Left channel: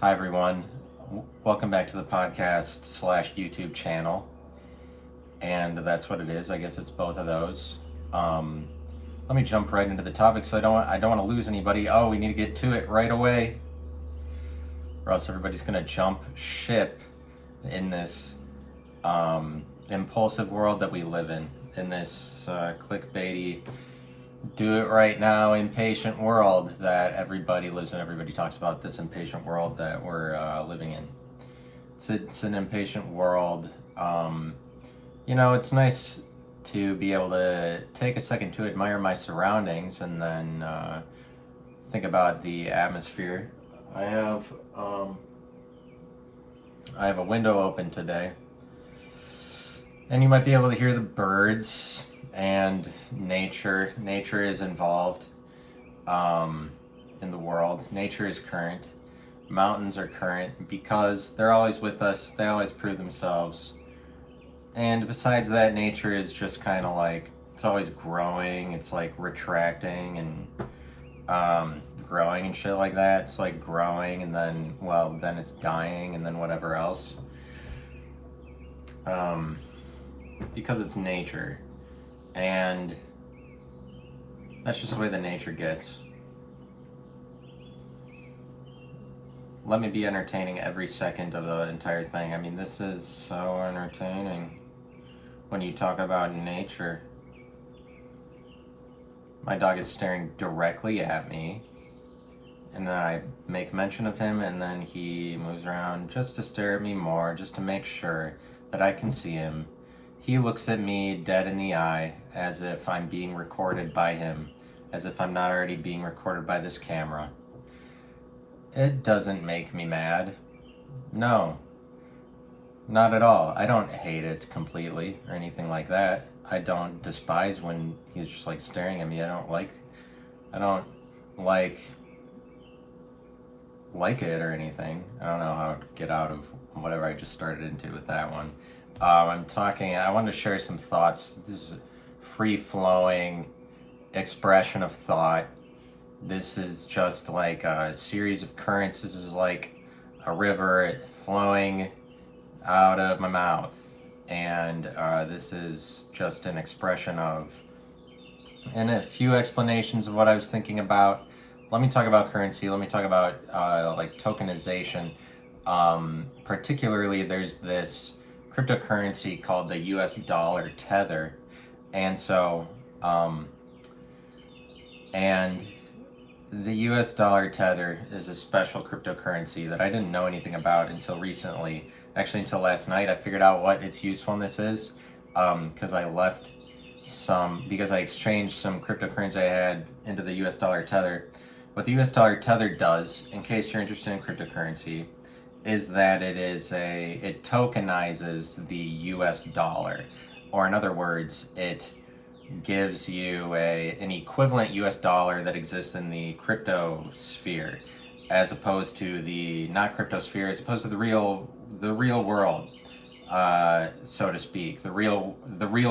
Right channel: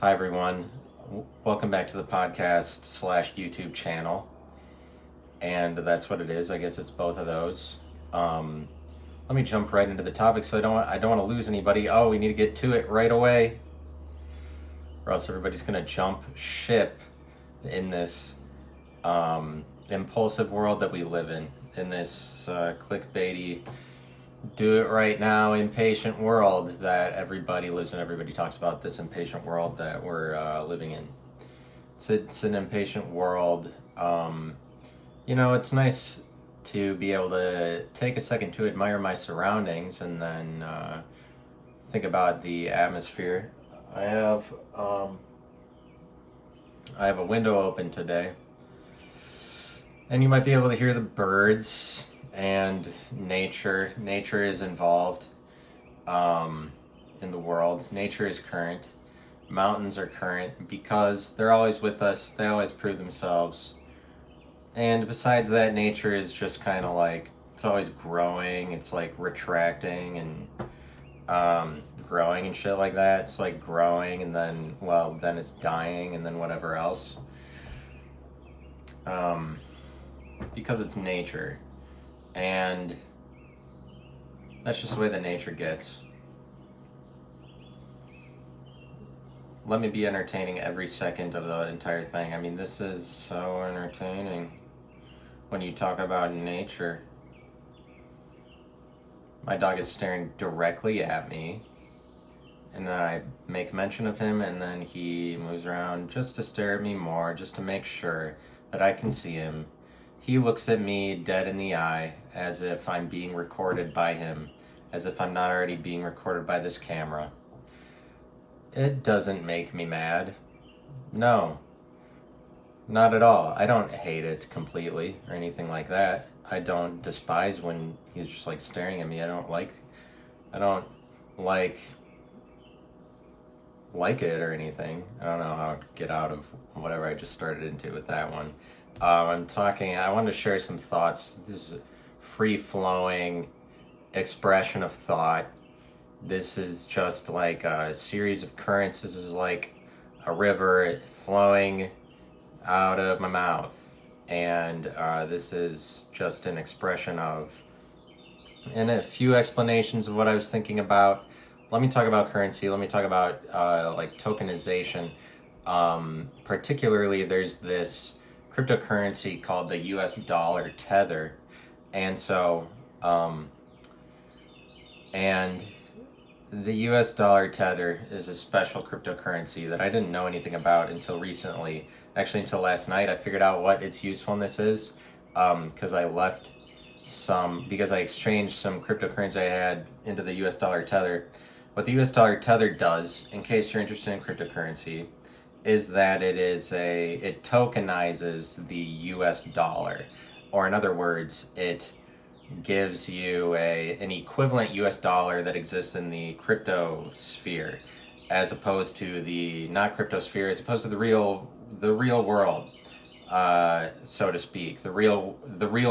Hi everyone, welcome back to the podcast / YouTube channel, and that's what it is. I guess it's both of those. Let me jump right into the topic, so I don't want to lose anybody. Oh, we need to get to it right away, or else everybody's gonna jump ship in this impulsive world that we live in this clickbaity, do it right now, impatient world that everybody lives in. Everybody talks about this impatient world that we're living in. It's an impatient world. It's nice to be able to take a second to admire my surroundings and then think about the atmosphere. I have a window open today, and you might be able to hear the birds and nature. Nature is involved in the world. Nature is current. Mountains are current because they're always with us. They always prove themselves. And besides that, nature is just kind of like, it's always growing. It's like retracting and growing and shit like that. It's like growing and then it's dying and then whatever else. Because it's nature. And that's just the way that nature gets. Let me be entertaining every second of the entire thing. I mean, this is so entertaining when you talk about nature. My dog is staring directly at me, and then I make mention of him, and then he moves around just to stare at me more, just to make sure that I can see him. He looks at me dead in the eye as if I'm being recorded by him, as if I'm not already being recorded by this camera. It doesn't make me mad. No, not at all. I don't hate it completely or anything like that. I don't despise when he's just like staring at me. I don't like it or anything. I don't know how to get out of whatever I just started into with that one. I wanted to share some thoughts. This is free-flowing expression of thought. This is just like a series of currents. This is like a river flowing out of my mouth. And this is just an expression of, and a few explanations of what I was thinking about. Let me talk about currency. Let me talk about like tokenization. Particularly, there's this cryptocurrency called the US dollar tether. And so, and the US dollar tether is a special cryptocurrency that I didn't know anything about until recently. Actually, until last night, I figured out what its usefulness is, because I exchanged some cryptocurrency I had into the US dollar tether. What the US dollar tether does, in case you're interested in cryptocurrency, is that it tokenizes the US dollar, or in other words, it gives you an equivalent US dollar that exists in the crypto sphere, as opposed to the not crypto sphere, as opposed to the real world, so to speak, the real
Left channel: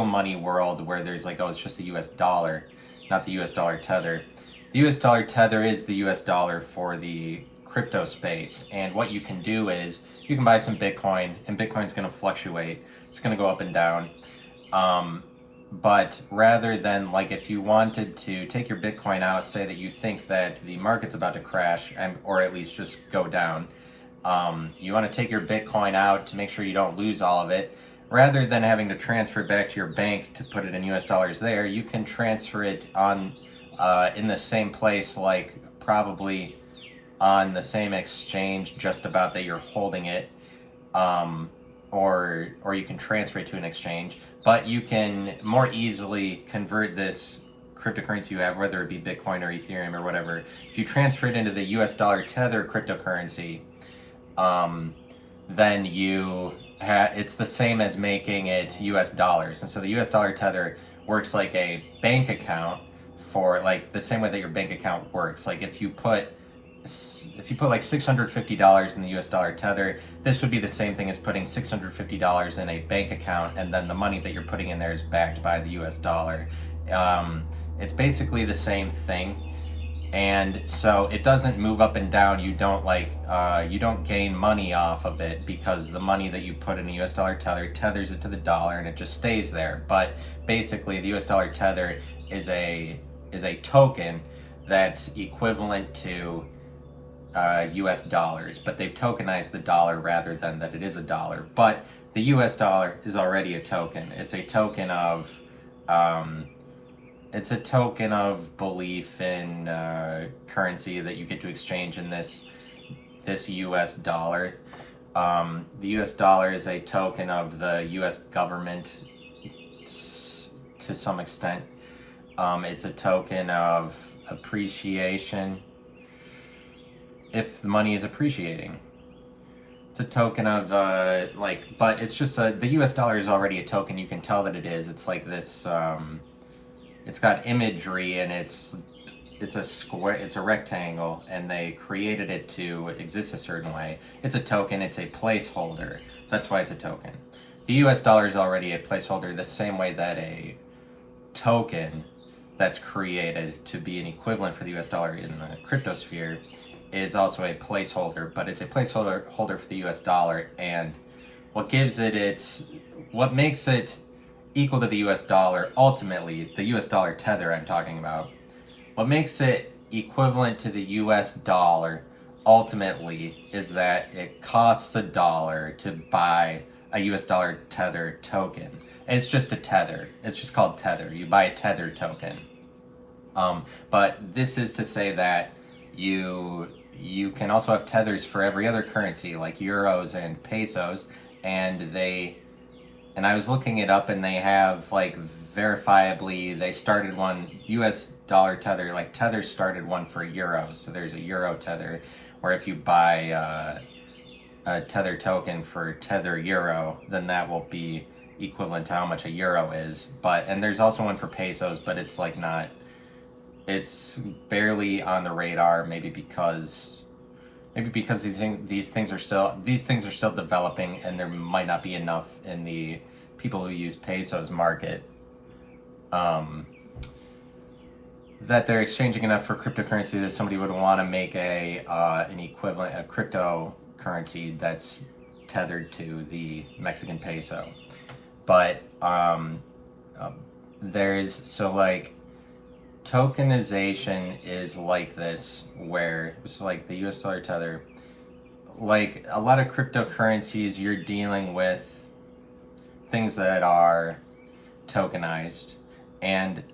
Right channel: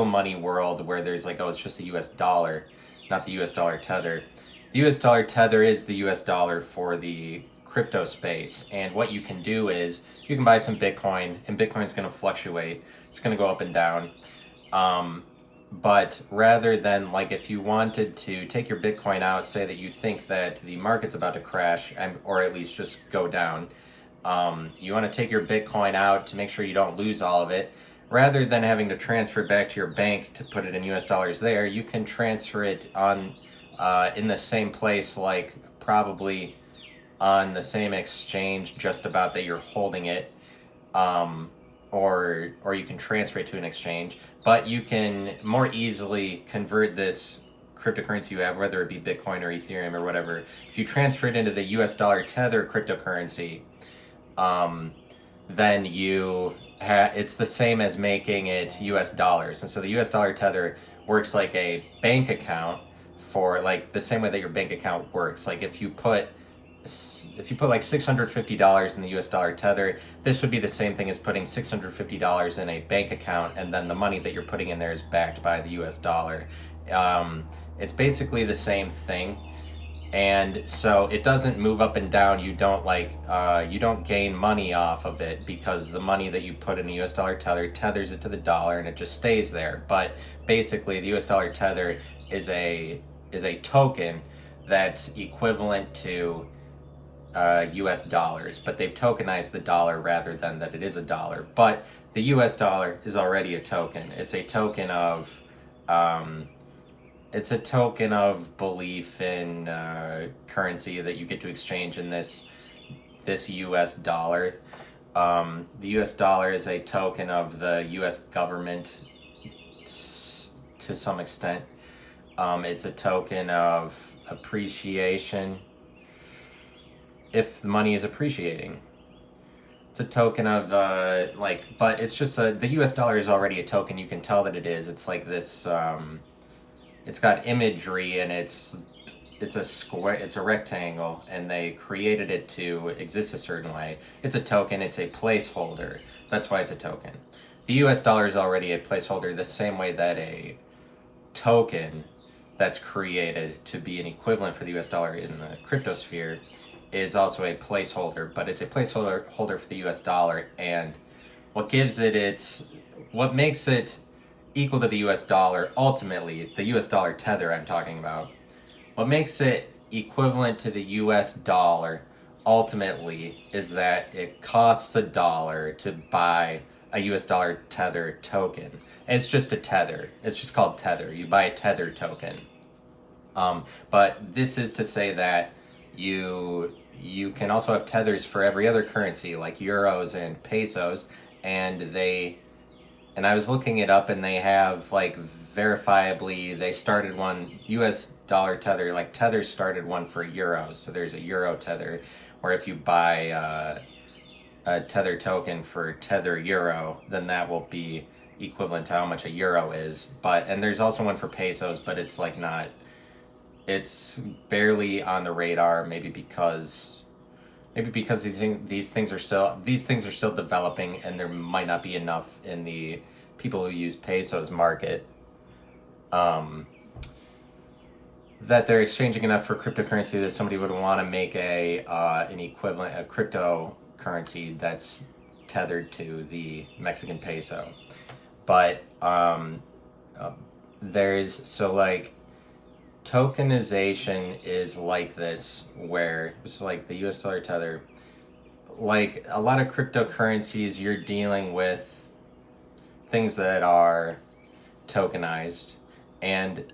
money world, where there's like, oh, it's just the US dollar, not the US dollar tether. The US dollar tether is the US dollar for the crypto space, and what you can do is you can buy some Bitcoin, and Bitcoin's going to fluctuate. It's going to go up and down. But rather than, like, if you wanted to take your Bitcoin out, say that you think that the market's about to crash, or at least just go down, you want to take your Bitcoin out to make sure you don't lose all of it. Rather than having to transfer it back to your bank to put it in US dollars there, you can transfer it on in the same place, like probably on the same exchange just about that you're holding it, or you can transfer it to an exchange, but you can more easily convert this cryptocurrency you have, whether it be Bitcoin or Ethereum or whatever. If you transfer it into the US dollar tether cryptocurrency, then it's the same as making it US dollars. And so the US dollar tether works like a bank account, for like the same way that your bank account works. Like if you put like $650 in the US dollar tether, this would be the same thing as putting $650 in a bank account, and then the money that you're putting in there is backed by the US dollar. It's basically the same thing, And so it doesn't move up and down. You don't gain money off of it, because the money that you put in a US dollar tether tethers it to the dollar and it just stays there. But basically the US dollar tether is a token that's equivalent to US dollars, but they've tokenized the dollar rather than that it is a dollar. But the US dollar is already a token. It's a token of belief in currency that you get to exchange in this US dollar. The US dollar is a token of the US government to some extent. It's a token of appreciation if the money is appreciating. It's a token of but it's just the US dollar is already a token. You can tell that it is. It's like this. It's got imagery, and it's a square. It's a rectangle, and they created it to exist a certain way. It's a token. It's a placeholder. That's why it's a token. The US dollar is already a placeholder, the same way that a token that's created to be an equivalent for the US dollar in the crypto sphere is also a placeholder, but it's a placeholder for the US dollar. And what makes it equal to the US dollar, ultimately, the US dollar tether I'm talking about, what makes it equivalent to the US dollar ultimately is that it costs a dollar to buy a US dollar tether token. It's just a tether. It's just called tether. You buy a tether token. But this is to say that you can also have tethers for every other currency, like euros and pesos, and I was looking it up, and they have, like, verifiably, they started one US dollar tether, like Tether started one for euros, so there's a euro tether, or if you buy a tether token for tether euro, then that will be equivalent to how much a euro is. And there's also one for pesos, but it's like not, it's barely on the radar, maybe because these things are still developing, and there might not be enough in the people who use pesos market that they're exchanging enough for cryptocurrency that somebody would want to make an equivalent, a cryptocurrency that's tethered to the Mexican peso. But tokenization is like this, where it's like the US dollar tether. Like a lot of cryptocurrencies, you're dealing with things that are tokenized, and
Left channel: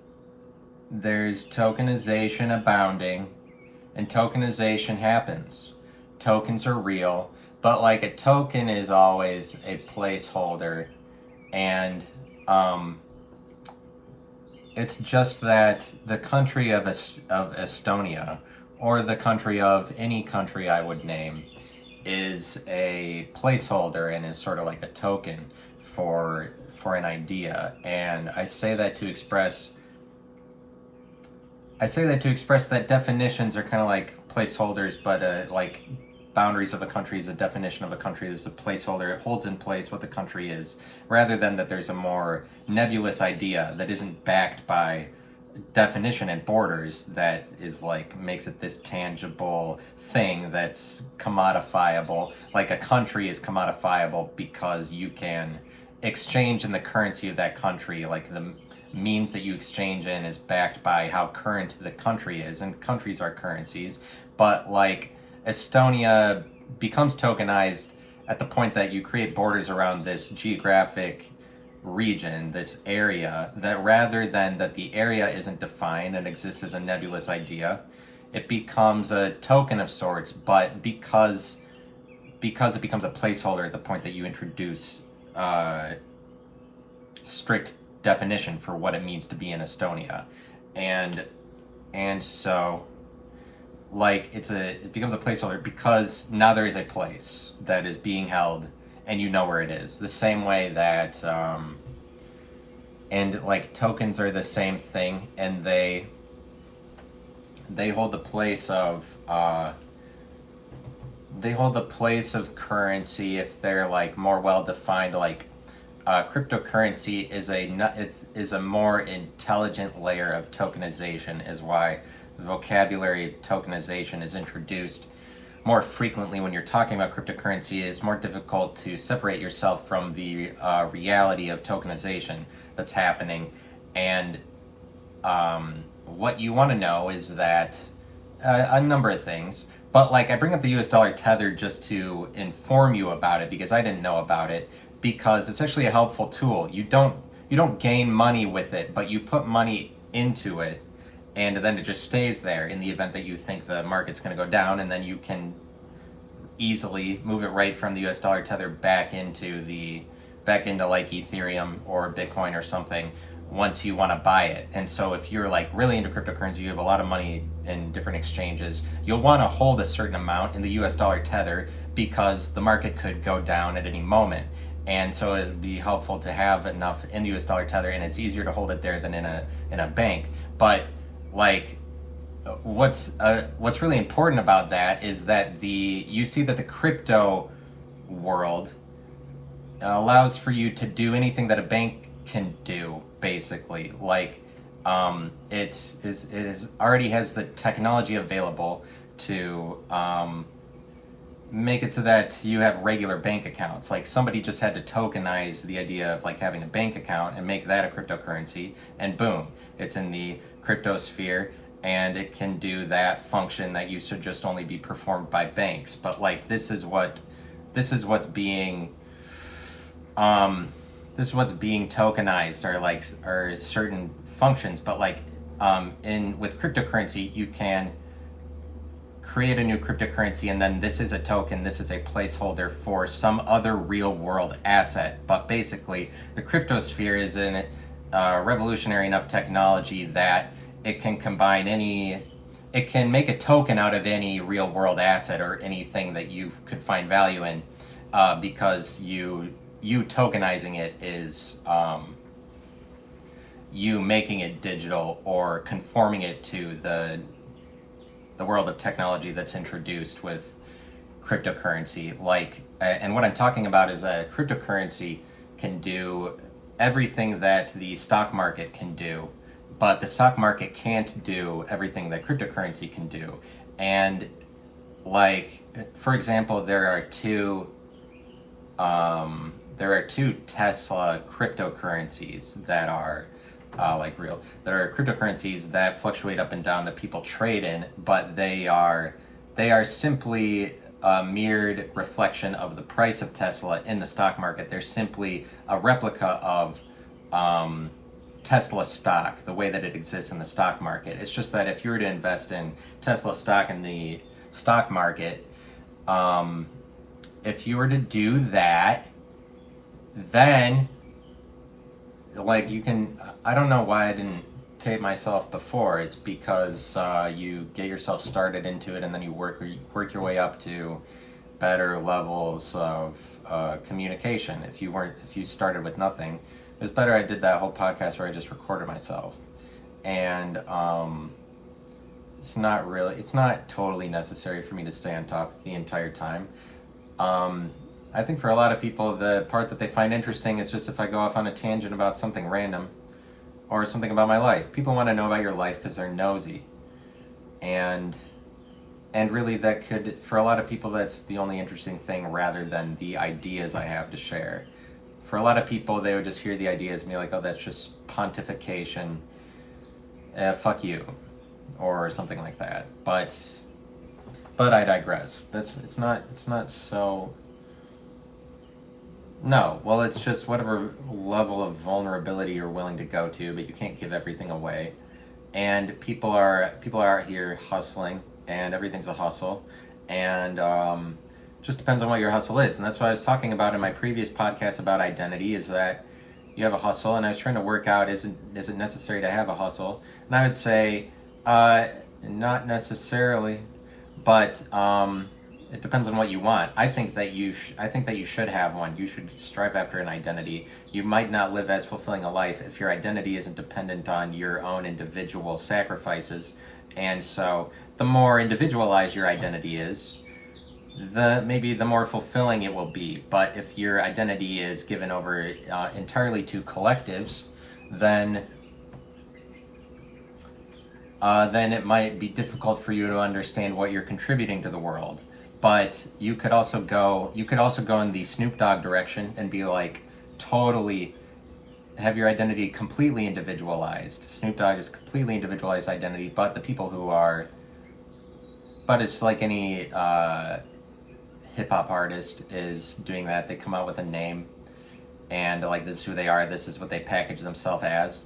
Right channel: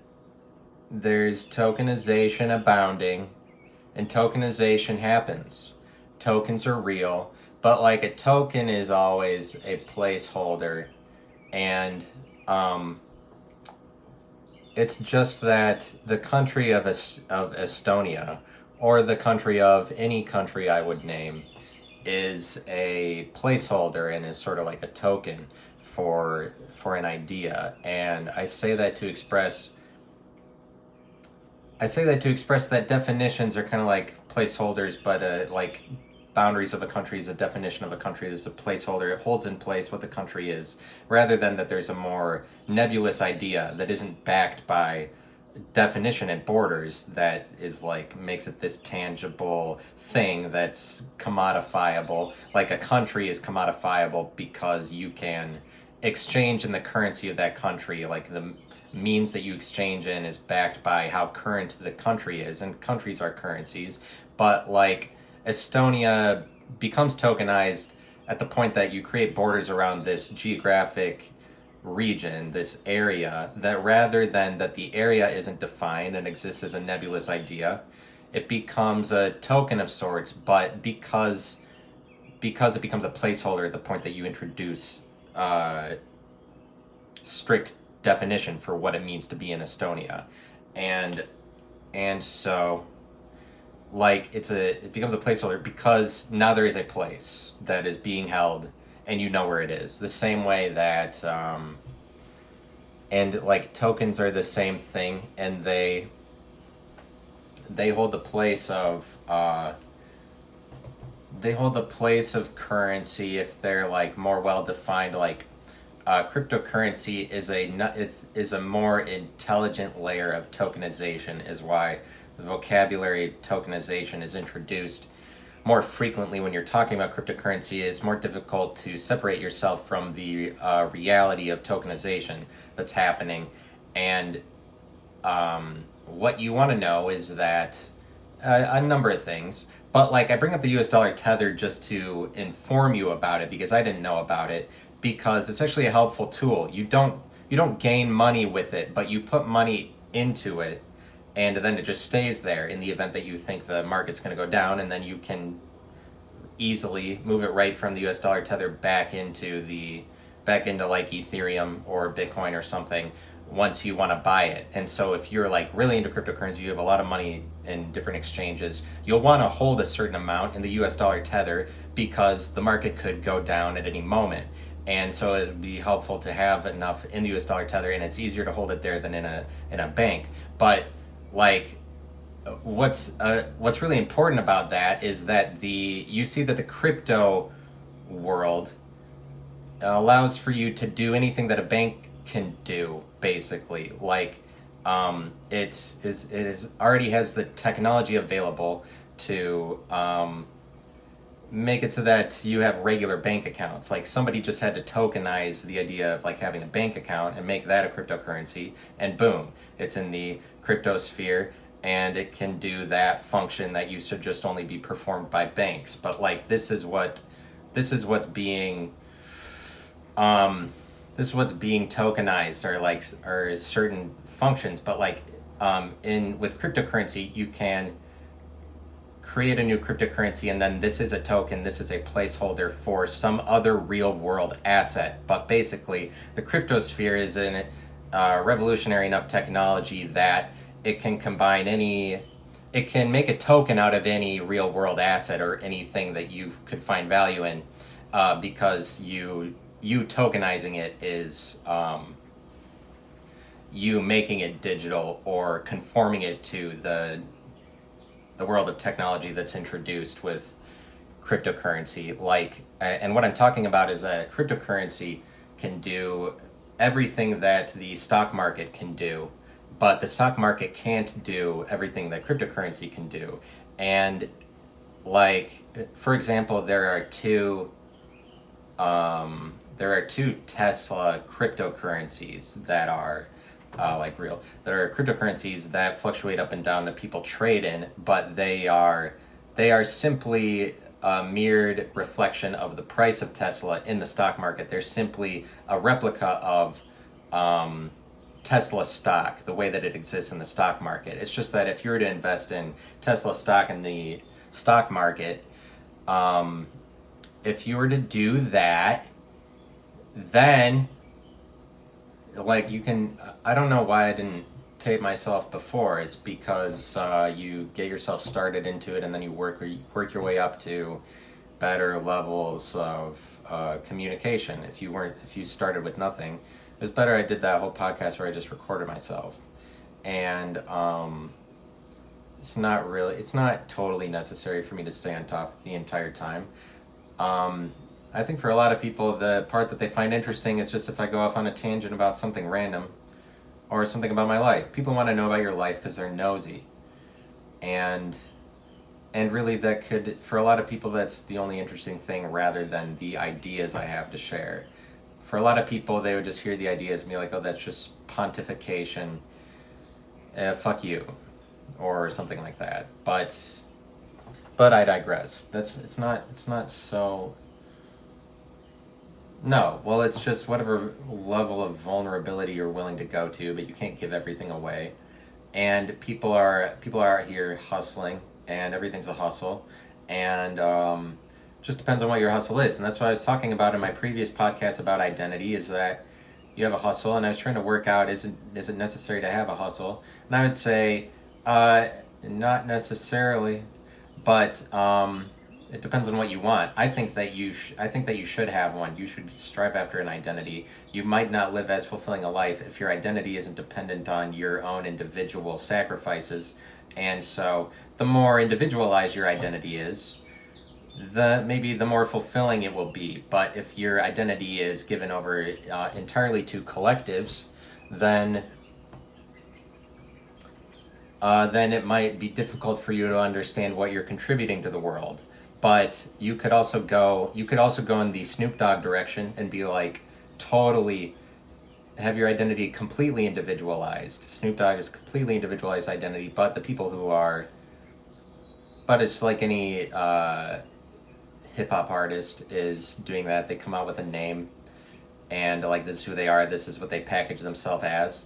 there's tokenization abounding, and tokenization happens. Tokens are real, but like a token is always a placeholder, and it's just that the country of Estonia, or the country of any country I would name, is a placeholder and is sort of like a token for an idea. And I say that to express that definitions are kind of like placeholders, but like boundaries of a country is a definition of a country. This is a placeholder. It holds in place what the country is, rather than that there's a more nebulous idea that isn't backed by definition and borders, that is like makes it this tangible thing that's commodifiable. Like a country is commodifiable because you can exchange in the currency of that country. Like the means that you exchange in is backed by how current the country is, and countries are currencies. But like Estonia becomes tokenized at the point that you create borders around this geographic region, this area, that rather than that the area isn't defined and exists as a nebulous idea, it becomes a token of sorts. But because it becomes a placeholder at the point that you introduce strict definition for what it means to be in Estonia, and so like it becomes a placeholder because now there is a place that is being held and you know where it is. The same way that and like tokens are the same thing, and they hold the place of currency if they're like more well defined. Like cryptocurrency is a more intelligent layer of tokenization, is why the vocabulary of tokenization is introduced more frequently when you're talking about cryptocurrency, it's more difficult to separate yourself from the reality of tokenization that's happening. And what you want to know is that a number of things, but like I bring up the US dollar tether just to inform you about it because I didn't know about it, because it's actually a helpful tool. You don't gain money with it, but you put money into it, and then it just stays there in the event that you think the market's going to go down, and then you can easily move it right from the US dollar tether back into like Ethereum or Bitcoin or something once you want to buy it. And so if you're like really into cryptocurrency, you have a lot of money in different exchanges, you'll want to hold a certain amount in the US dollar tether because the market could go down at any moment. And so it would be helpful to have enough in the US dollar tether, and it's easier to hold it there than in a bank. But like what's really important about that is that you see that the crypto world allows for you to do anything that a bank can do, basically. Like it already has the technology available to make it so that you have regular bank accounts. Like somebody just had to tokenize the idea of like having a bank account and make that a cryptocurrency, and boom, it's in the crypto sphere, and it can do that function that used to just only be performed by banks. But like this is what's being tokenized, or certain functions. But like with cryptocurrency, you can create a new cryptocurrency, and then this is a token, this is a placeholder for some other real world asset. But basically the cryptosphere is a revolutionary enough technology that it can it can make a token out of any real world asset or anything that you could find value in, because you tokenizing it is you making it digital or conforming it to the world of technology that's introduced with cryptocurrency. And what I'm talking about is that cryptocurrency can do everything that the stock market can do, but the stock market can't do everything that cryptocurrency can do. And like, for example, there are two Tesla cryptocurrencies that are cryptocurrencies that fluctuate up and down, that people trade in, but they are simply a mirrored reflection of the price of Tesla in the stock market. They're simply a replica of Tesla stock, the way that it exists in the stock market. It's just that if you were to invest in Tesla stock in the stock market, if you were to do that, then like you can, I don't know why I didn't tape myself before. It's because you get yourself started into it, and then you work your way up to better levels of communication. If you started with nothing, it was better I did that whole podcast where I just recorded myself. And it's not totally necessary for me to stay on top the entire time. I think for a lot of people, the part that they find interesting is just if I go off on a tangent about something random or something about my life. People want to know about your life because they're nosy. And really that could, for a lot of people, that's the only interesting thing rather than the ideas I have to share. For a lot of people, they would just hear the ideas and be like, oh, that's just pontification. Fuck you. Or something like that. But I digress. It's not so... No, well, it's just whatever level of vulnerability you're willing to go to, but you can't give everything away. And people are out here hustling, and everything's a hustle, and just depends on what your hustle is. And that's what I was talking about in my previous podcast about identity, is that you have a hustle, and I was trying to work out, is it necessary to have a hustle? And I would say, not necessarily, but it depends on what you want. I think that you should have one. You should strive after an identity. You might not live as fulfilling a life if your identity isn't dependent on your own individual sacrifices. And so the more individualized your identity is, maybe the more fulfilling it will be. But if your identity is given over entirely to collectives, then then it might be difficult for you to understand what you're contributing to the world. But you could also go in the Snoop Dogg direction and be like totally have your identity completely individualized. Snoop Dogg is completely individualized identity, but the people who are, but it's like any hip hop artist is doing that. They come out with a name, and like this is who they are. This is what they package themselves as,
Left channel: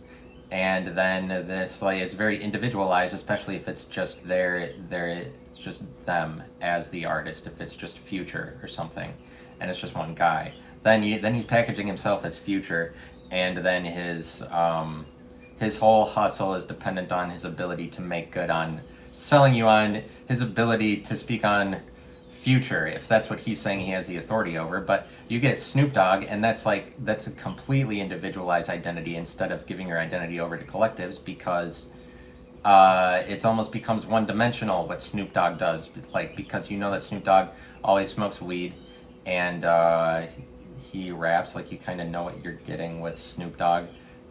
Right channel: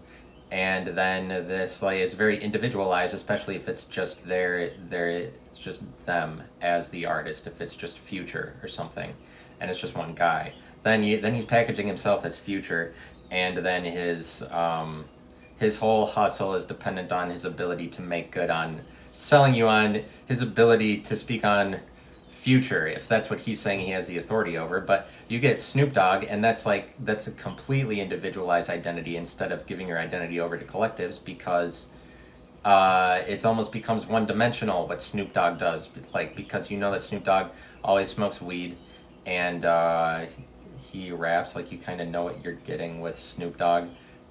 and then this like it's very individualized, especially if it's just it's just them as the artist. If it's just Future or something, and it's just one guy, then he's packaging himself as Future, and then his whole hustle is dependent on his ability to make good on selling you on his ability to speak on Future, if that's what he's saying he has the authority over. But you get Snoop Dogg, and that's a completely individualized identity instead of giving your identity over to collectives, because it almost becomes one-dimensional what Snoop Dogg does, like, because you know that Snoop Dogg always smokes weed, and he raps, like you kind of know what you're getting with Snoop Dogg,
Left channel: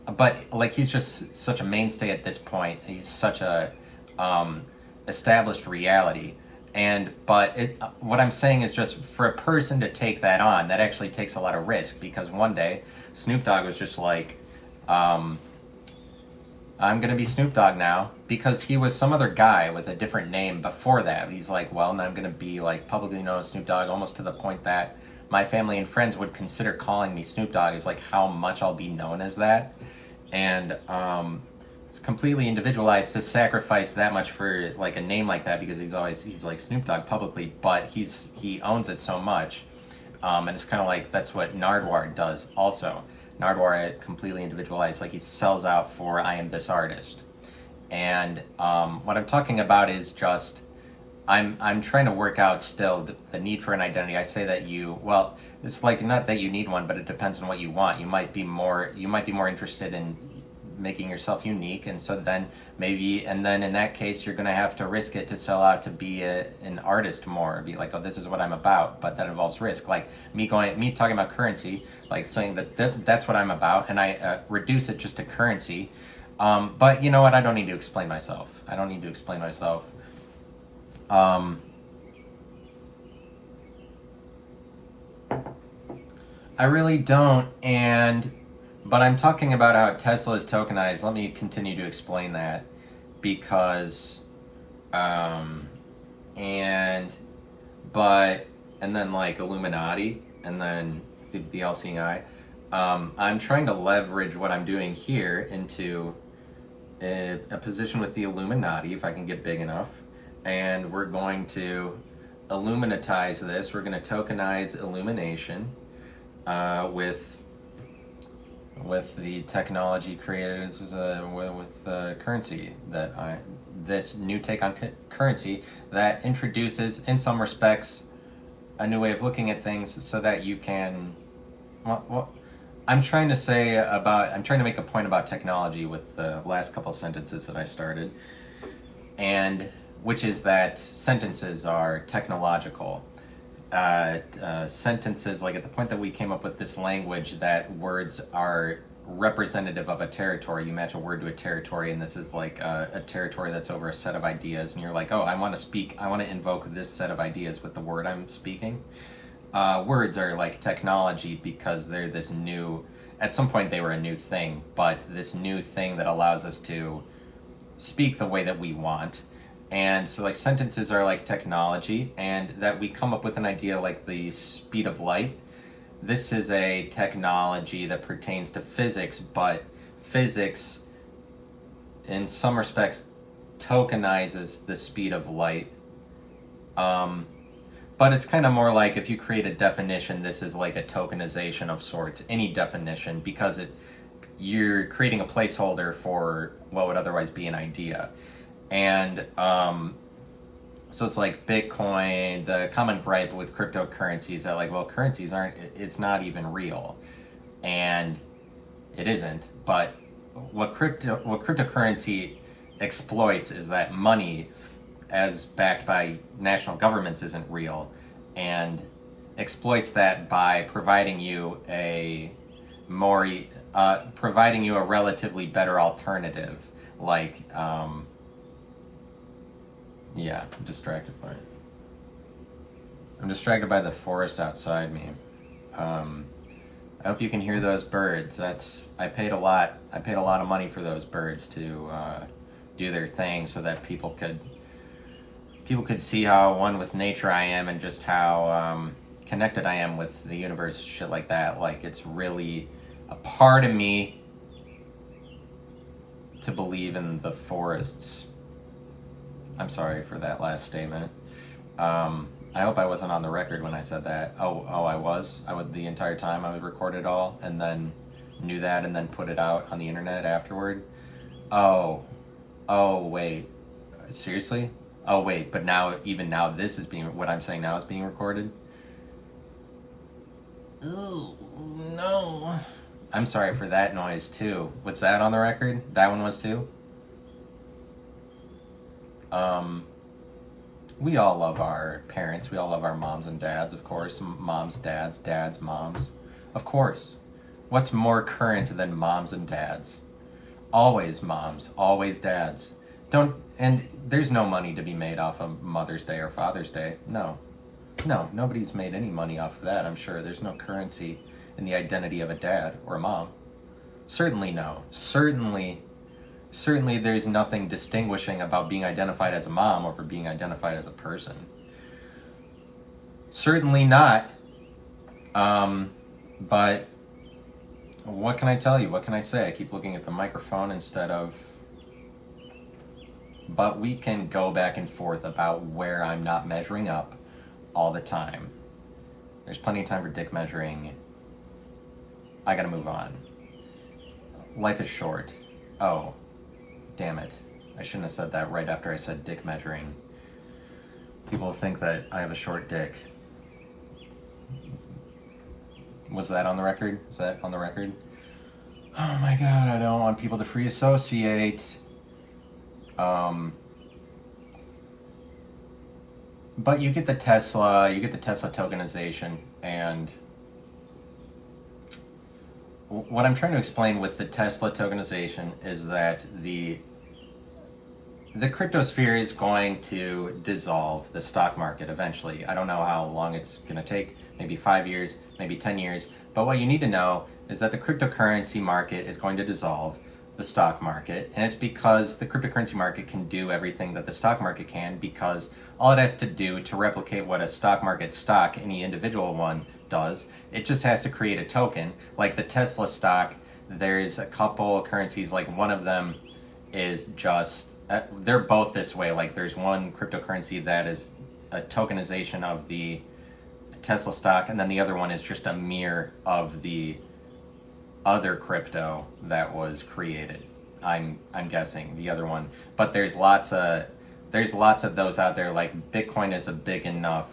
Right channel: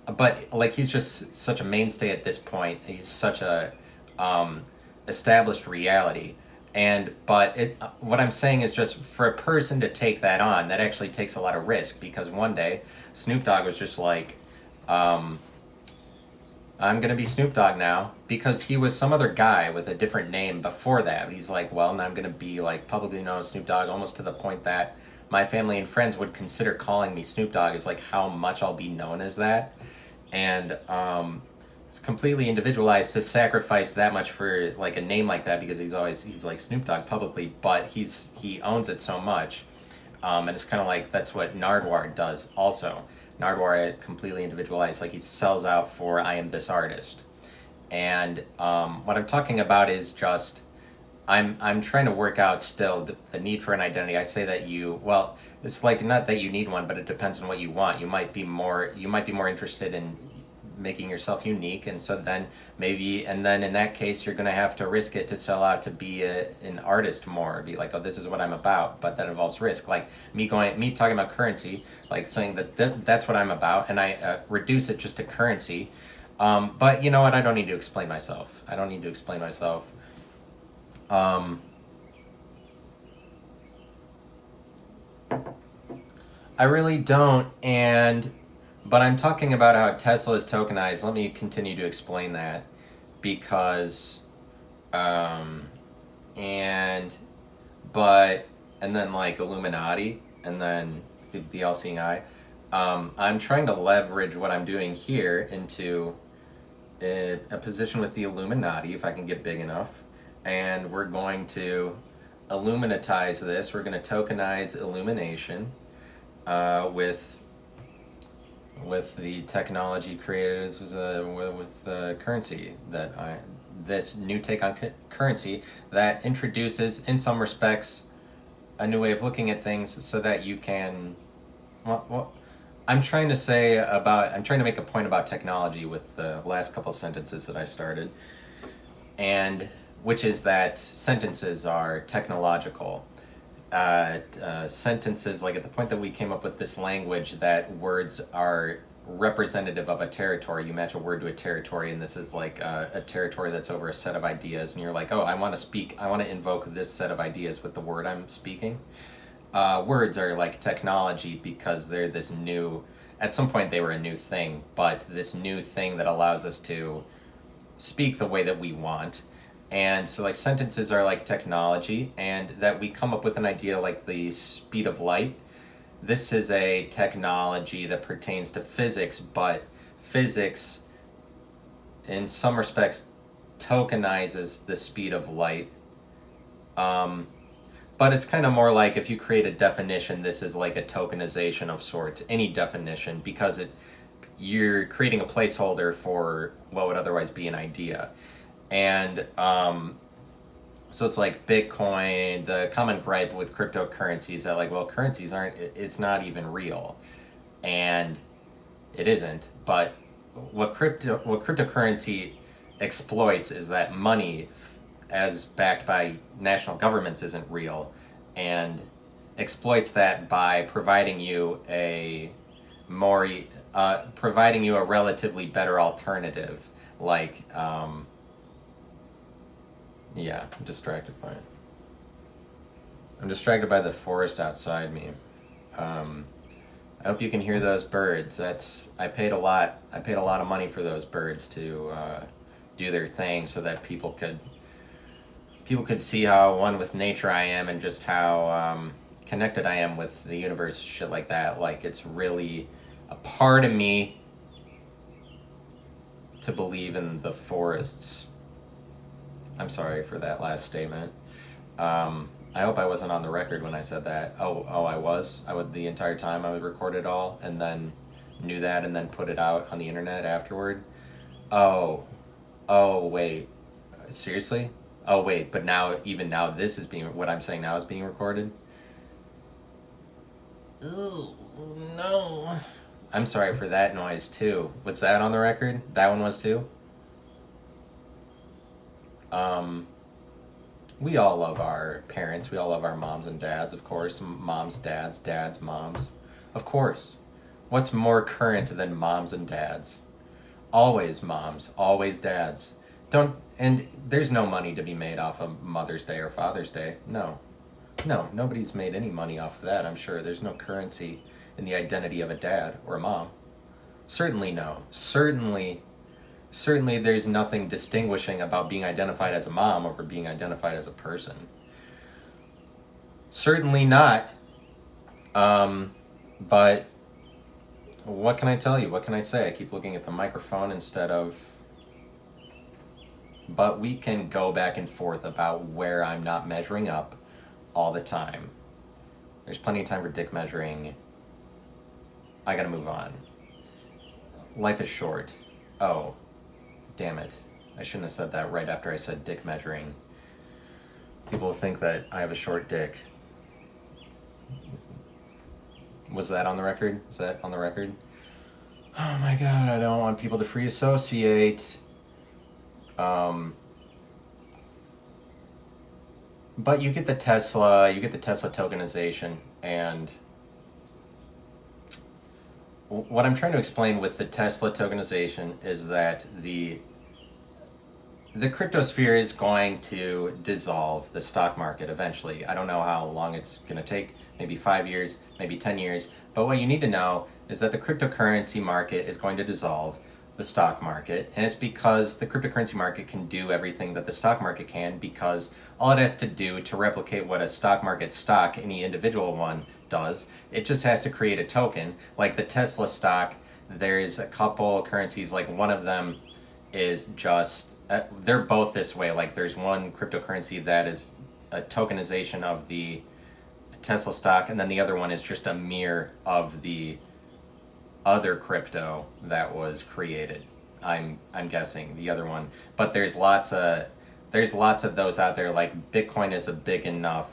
but like he's just such a mainstay at this point. He's such a established reality. But what I'm saying is, just for a person to take that on, that actually takes a lot of risk, because one day Snoop Dogg was just like, I'm gonna be Snoop Dogg now, because he was some other guy with a different name before that. But he's like, well, now I'm gonna be like publicly known as Snoop Dogg, almost to the point that my family and friends would consider calling me Snoop Dogg, is like how much I'll be known as that. And it's completely individualized to sacrifice that much for like a name like that, because he's like Snoop Dogg publicly, but he owns it so much. And it's kind of like that's what Nardwuar does also. Nardwuar completely individualized, like he sells out for I am this artist. And what I'm talking about is just I'm trying to work out still the need for an identity. I say that it's like not that you need one, but it depends on what you want. You might be more interested in making yourself unique, and so then in that case you're going to have to risk it to sell out to be an artist more, be like, oh, this is what I'm about, but that involves risk. Like me talking about currency, like saying that's what I'm about, and I reduce it just to currency. But you know what, I don't need to explain myself. I really don't. But I'm talking about how Tesla is tokenized. Let me continue to explain that, because, and then like Illuminati, and then the all-seeing eye. I'm trying to leverage what I'm doing here into a position with the Illuminati, if I can get big enough, and we're going to Illuminatize this. We're going to tokenize illumination with the technology created with currency, this new take on currency that introduces, in some respects, a new way of looking at things, so that you can, I'm trying to make a point about technology with the last couple sentences that I started, and which is that sentences are technological. Sentences, like at the point that we came up with this language that words are representative of a territory, you match a word to a territory, and this is like a territory that's over a set of ideas, and you're like, oh, I want to invoke this set of ideas with the word I'm speaking. Words are like technology, because they're this new, at some point they were a new thing, but this new thing that allows us to speak the way that we want. And so like sentences are like technology, and that we come up with an idea like the speed of light. This is a technology that pertains to physics, but physics in some respects tokenizes the speed of light. But it's kind of more like, if you create a definition, this is like a tokenization of sorts, any definition, because you're creating a placeholder for what would otherwise be an idea. And so it's like Bitcoin, the common gripe with cryptocurrency is that, like, well, currencies it's not even real. And it isn't. But what cryptocurrency exploits is that money, as backed by national governments, isn't real, and exploits that by providing you a relatively better alternative, like Yeah, I'm distracted by it. I'm distracted by the forest outside me. I hope you can hear those birds. I paid a lot. I paid a lot of money for those birds to do their thing, so that people could see how one with nature I am, and just how connected I am with the universe, shit like that. Like, it's really a part of me to believe in the forests. I'm sorry for that last statement. I hope I wasn't on the record when I said that. Oh, I was. I would, the entire time I would record it all, and then knew that, and then put it out on the internet afterward. Oh, wait, seriously? Oh wait, but now, even now, this is being, what I'm saying now is being recorded. Ooh, no. I'm sorry for that noise too. What's that on the record? That one was too? We all love our parents. We all love our moms and dads, of course. Moms, dads, dads, moms. Of course. What's more current than moms and dads? Always moms, always dads. And there's no money to be made off of Mother's Day or Father's Day. No, nobody's made any money off of that, I'm sure. There's no currency in the identity of a dad or a mom. Certainly no. Certainly there's nothing distinguishing about being identified as a mom over being identified as a person. Certainly not. But what can I tell you? What can I say? I keep looking at the microphone instead of... But we can go back and forth about where I'm not measuring up all the time. There's plenty of time for dick measuring. I gotta move on. Life is short. Oh, damn it. I shouldn't have said that right after I said dick measuring. People think that I have a short dick. Was that on the record? Is that on the record? Oh my god, I don't want people to free associate. But you get the Tesla tokenization, and what I'm trying to explain with the Tesla tokenization is that the cryptosphere is going to dissolve the stock market eventually. I don't know how long it's going to take, maybe 5 years, maybe 10 years. But what you need to know is that the cryptocurrency market is going to dissolve the stock market. And it's because the cryptocurrency market can do everything that the stock market can, because all it has to do to replicate what a stock market stock, any individual one, does, it just has to create a token. Like the Tesla stock, there's a couple currencies, like one of them is just... they're both this way. Like there's one cryptocurrency that is a tokenization of the Tesla stock, and then the other one is just a mirror of the other crypto that was created. I'm guessing the other one, but there's lots of those out there. Like Bitcoin is a big enough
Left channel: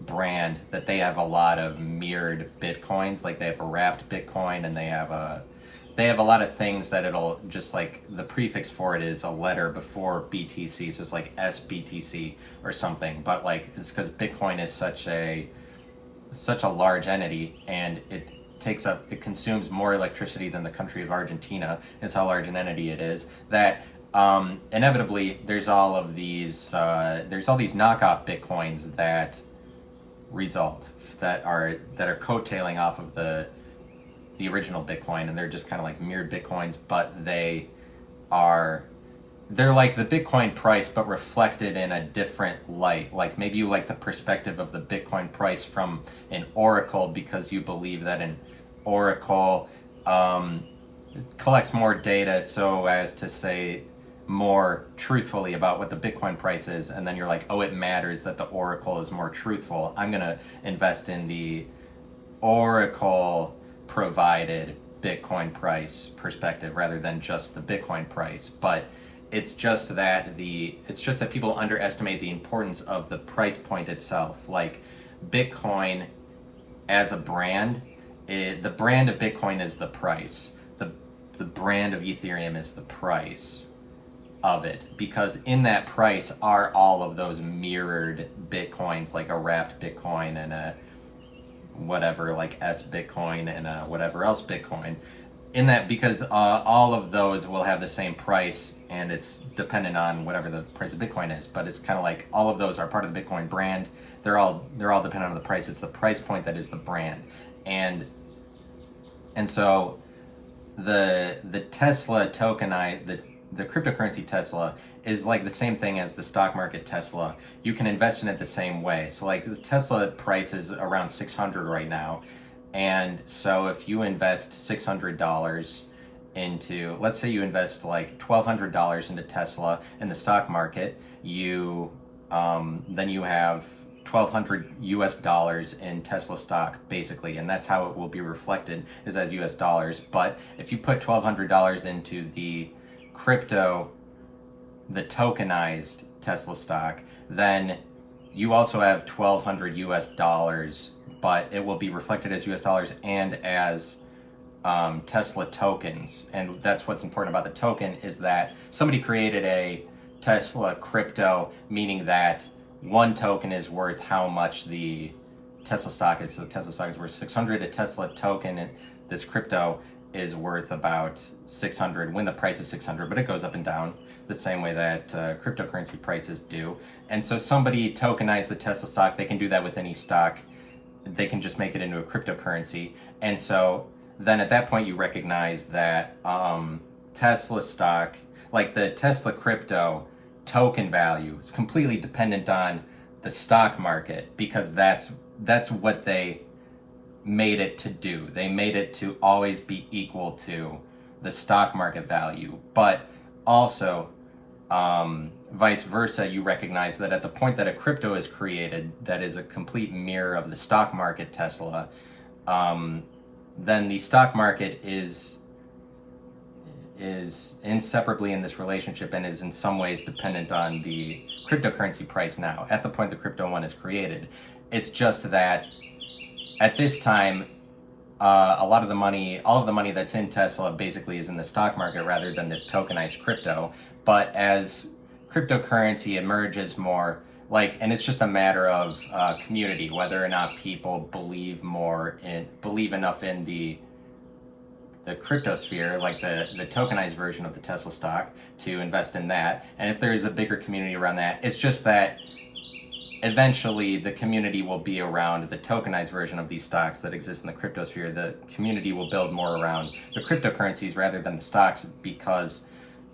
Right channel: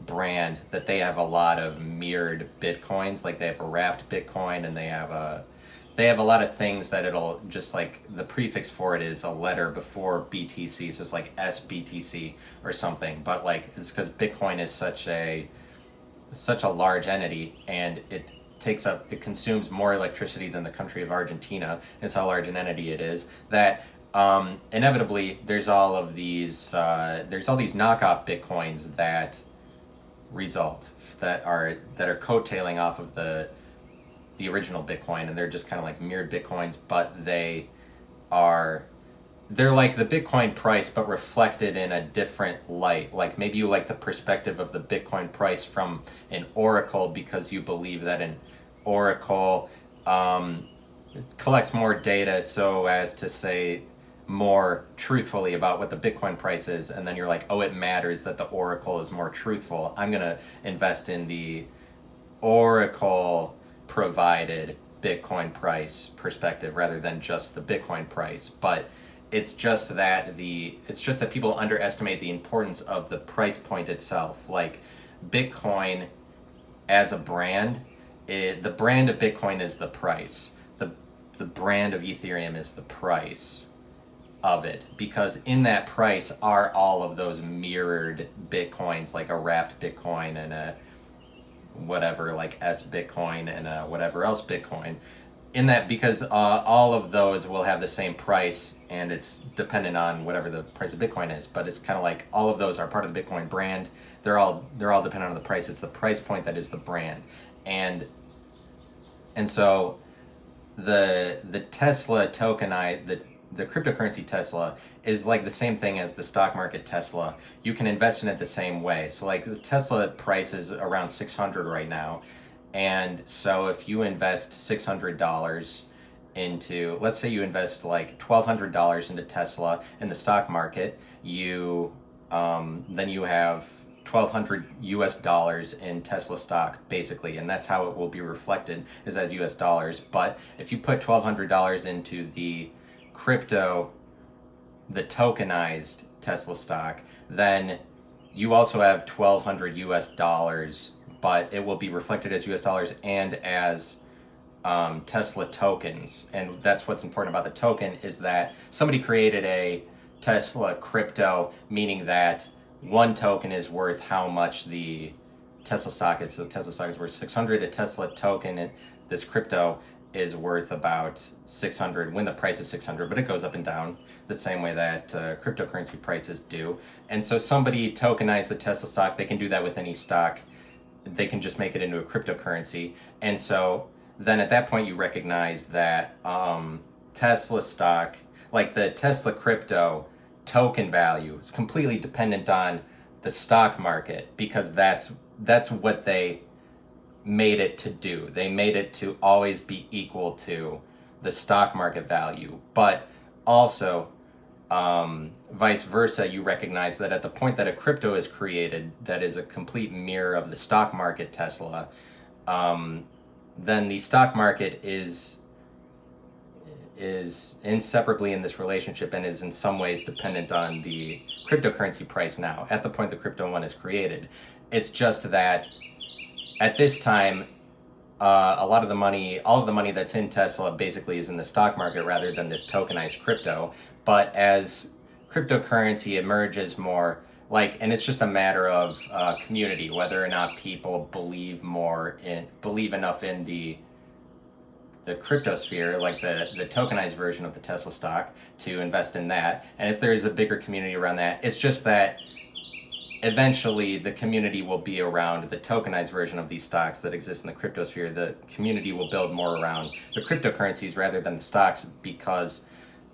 brand that they have a lot of mirrored Bitcoins. Like they have a wrapped Bitcoin, and they have a lot of things that it'll just, like, the prefix for it is a letter before BTC, so it's like SBTC or something. But like, it's because Bitcoin is such a large entity, and it consumes more electricity than the country of Argentina, is how large an entity it is, that inevitably there's all these knockoff Bitcoins that result, that are coattailing off of the original Bitcoin, and they're just kind of like mirrored Bitcoins, but they're like the Bitcoin price, but reflected in a different light. Like maybe you like the perspective of the Bitcoin price from an oracle, because you believe that an oracle collects more data so as to say more truthfully about what the Bitcoin price is, and then you're like, oh, it matters that the oracle is more truthful. I'm gonna invest in the oracle provided Bitcoin price perspective rather than just the Bitcoin price. But it's just that people underestimate the importance of the price point itself. Like Bitcoin as a brand, the brand of Bitcoin is the price. The brand of Ethereum is the price of it, because in that price are all of those mirrored Bitcoins, like a wrapped Bitcoin and a whatever, like S Bitcoin and whatever else Bitcoin. in that, because all of those will have the same price, and it's dependent on whatever the price of Bitcoin is. But it's kind of like all of those are part of the Bitcoin brand. They're all dependent on the price. It's the price point that is the brand, and so the Tesla the cryptocurrency Tesla is like the same thing as the stock market Tesla. You can invest in it the same way. So like the Tesla price is around 600 right now. And so if you invest $600 into, let's say you invest like $1,200 into Tesla in the stock market, then you have 1,200 US dollars in Tesla stock, basically, and that's how it will be reflected, is as US dollars. But if you put $1,200 into the tokenized Tesla stock, then you also have 1,200 US dollars, but it will be reflected as US dollars and as Tesla tokens. And that's what's important about the token, is that somebody created a Tesla crypto, meaning that one token is worth how much the Tesla stock is. So Tesla stock is worth 600. A Tesla token, this crypto, is worth about 600 when the price is 600, but it goes up and down the same way that cryptocurrency prices do. And so somebody tokenized the Tesla stock. They can do that with any stock. They can just make it into a cryptocurrency. And so then at that point you recognize that Tesla stock, like the Tesla crypto token value, is completely dependent on the stock market, because that's what they made it to do. They made it to always be equal to the stock market value. But also vice versa, you recognize that at the point that a crypto is created that is a complete mirror of the stock market Tesla, then the stock market is inseparably in this relationship and is in some ways dependent on the cryptocurrency price now, at the point the crypto one is created. It's just that at this time, all of the money that's in Tesla basically is in the stock market rather than this tokenized crypto. But as cryptocurrency emerges more, and it's just a matter of community, whether or not people believe enough in the cryptosphere, like the tokenized version of the Tesla stock, to invest in that. And if there's a bigger community around that, it's just that eventually the community will be around the tokenized version of these stocks that exist in the cryptosphere. The community will build more around the cryptocurrencies rather than the stocks, because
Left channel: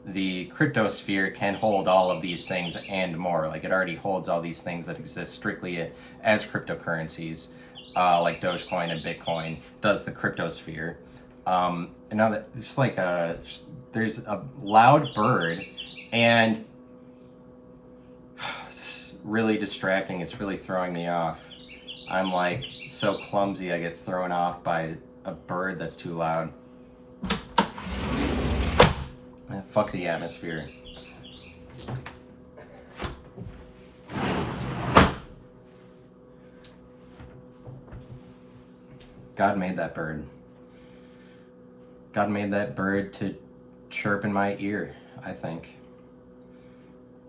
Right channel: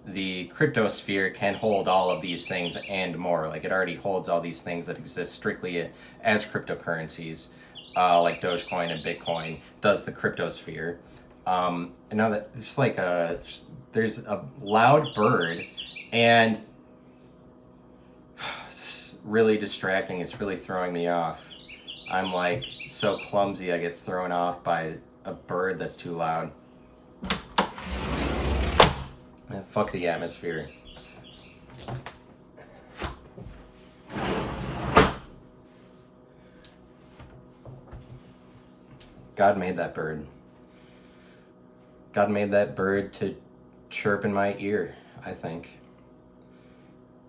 the cryptosphere can hold all of these things and more. Like, it already holds all these things that exist strictly as cryptocurrencies, like Dogecoin and Bitcoin does the cryptosphere. And now that it's like there's a loud bird, and it's really distracting. It's really throwing me off. I'm like so clumsy, I get thrown off by a bird that's too loud. Fuck the atmosphere. God made that bird. God made that bird to chirp in my ear, I think.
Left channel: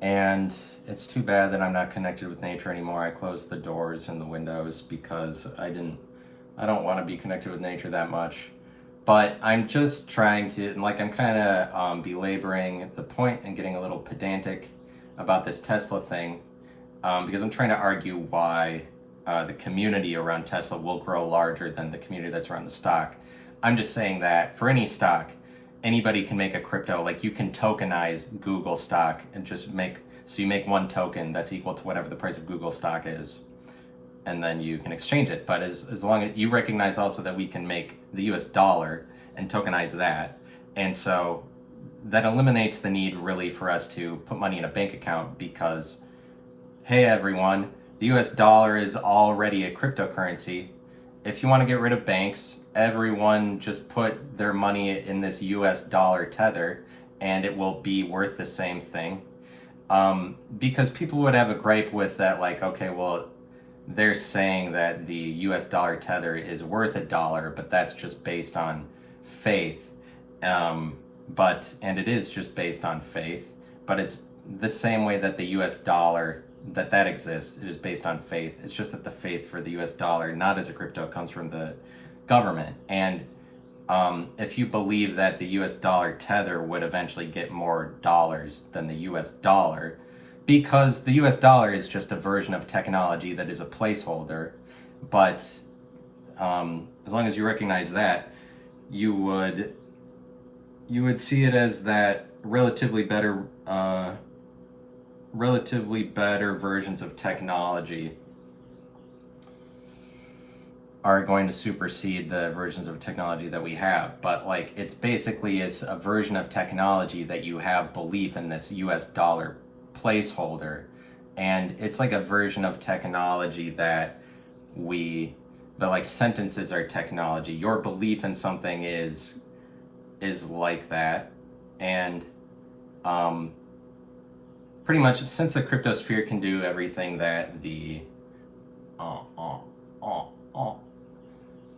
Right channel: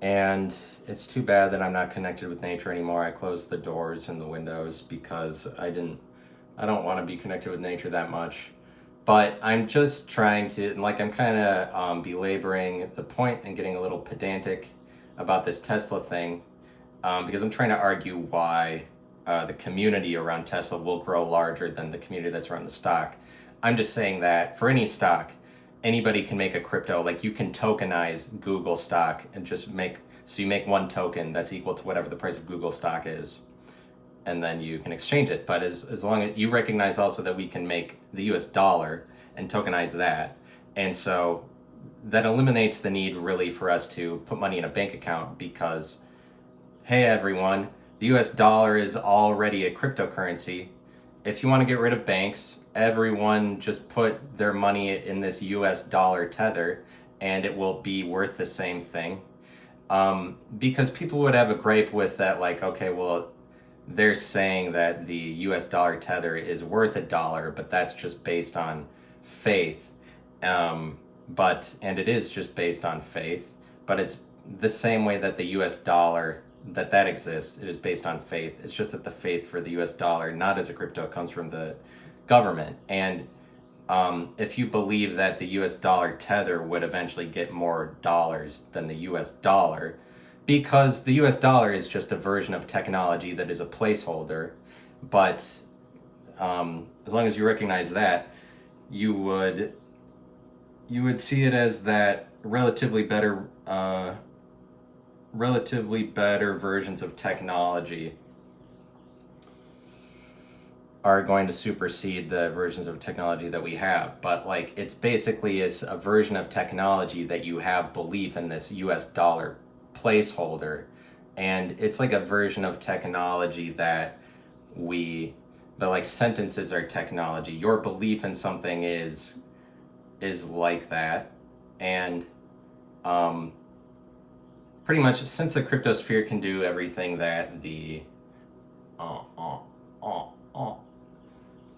And it's too bad that I'm not connected with nature anymore. I closed the doors and the windows because I don't want to be connected with nature that much. But I'm just trying to, I'm kind of belaboring the point and getting a little pedantic about this Tesla thing, because I'm trying to argue why the community around Tesla will grow larger than the community that's around the stock. I'm just saying that for any stock, anybody can make a crypto. Like, you can tokenize Google stock and you make one token that's equal to whatever the price of Google stock is, and then you can exchange it. But as long as you recognize also that we can make the US dollar and tokenize that, and so that eliminates the need really for us to put money in a bank account, because, hey everyone, the US dollar is already a cryptocurrency. If you want to get rid of banks, everyone just put their money in this US dollar tether and it will be worth the same thing. Because people would have a gripe with that, like, okay, well, they're saying that the US dollar tether is worth $1, but that's just based on faith. And it is just based on faith, but it's the same way that the US dollar that exists. It is based on faith. It's just that the faith for the US dollar, not as a crypto, comes from the government. And if you believe that the US dollar tether would eventually get more dollars than the US dollar, because the US dollar is just a version of technology that is a placeholder. But as long as you recognize that, you would see it as that relatively better versions of technology are going to supersede the versions of technology that we have. But like, it's basically is a version of technology that you have belief in this US dollar placeholder, and it's like a version of technology that like sentences are technology. Your belief in something is like that. And pretty much, since the cryptosphere can do everything that the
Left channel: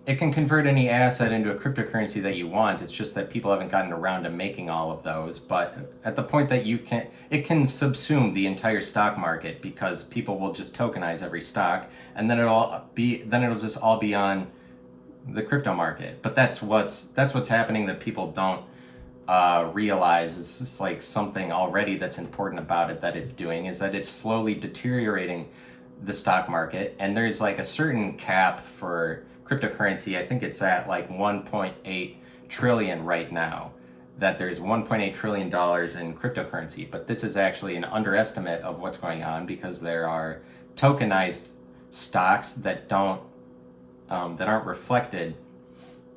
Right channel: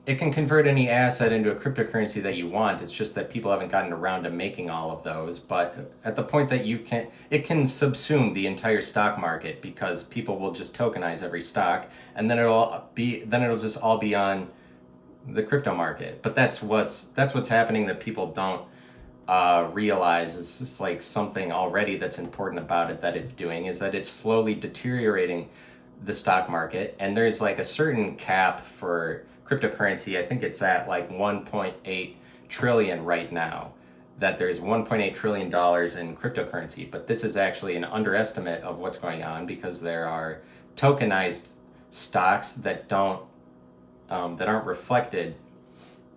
it can convert any asset into a cryptocurrency that you want. It's just that people haven't gotten around to making all of those. But at the point that it can subsume the entire stock market, because people will just tokenize every stock, and then it'll just all be on the crypto market. But that's what's happening that people don't realize. Is just like something already that's important about it that it's doing is that it's slowly deteriorating the stock market. And there's like a certain cap for cryptocurrency. I think it's at like 1.8 trillion right now, that there's 1.8 trillion dollars in cryptocurrency. But this is actually an underestimate of what's going on, because there are tokenized stocks that aren't reflected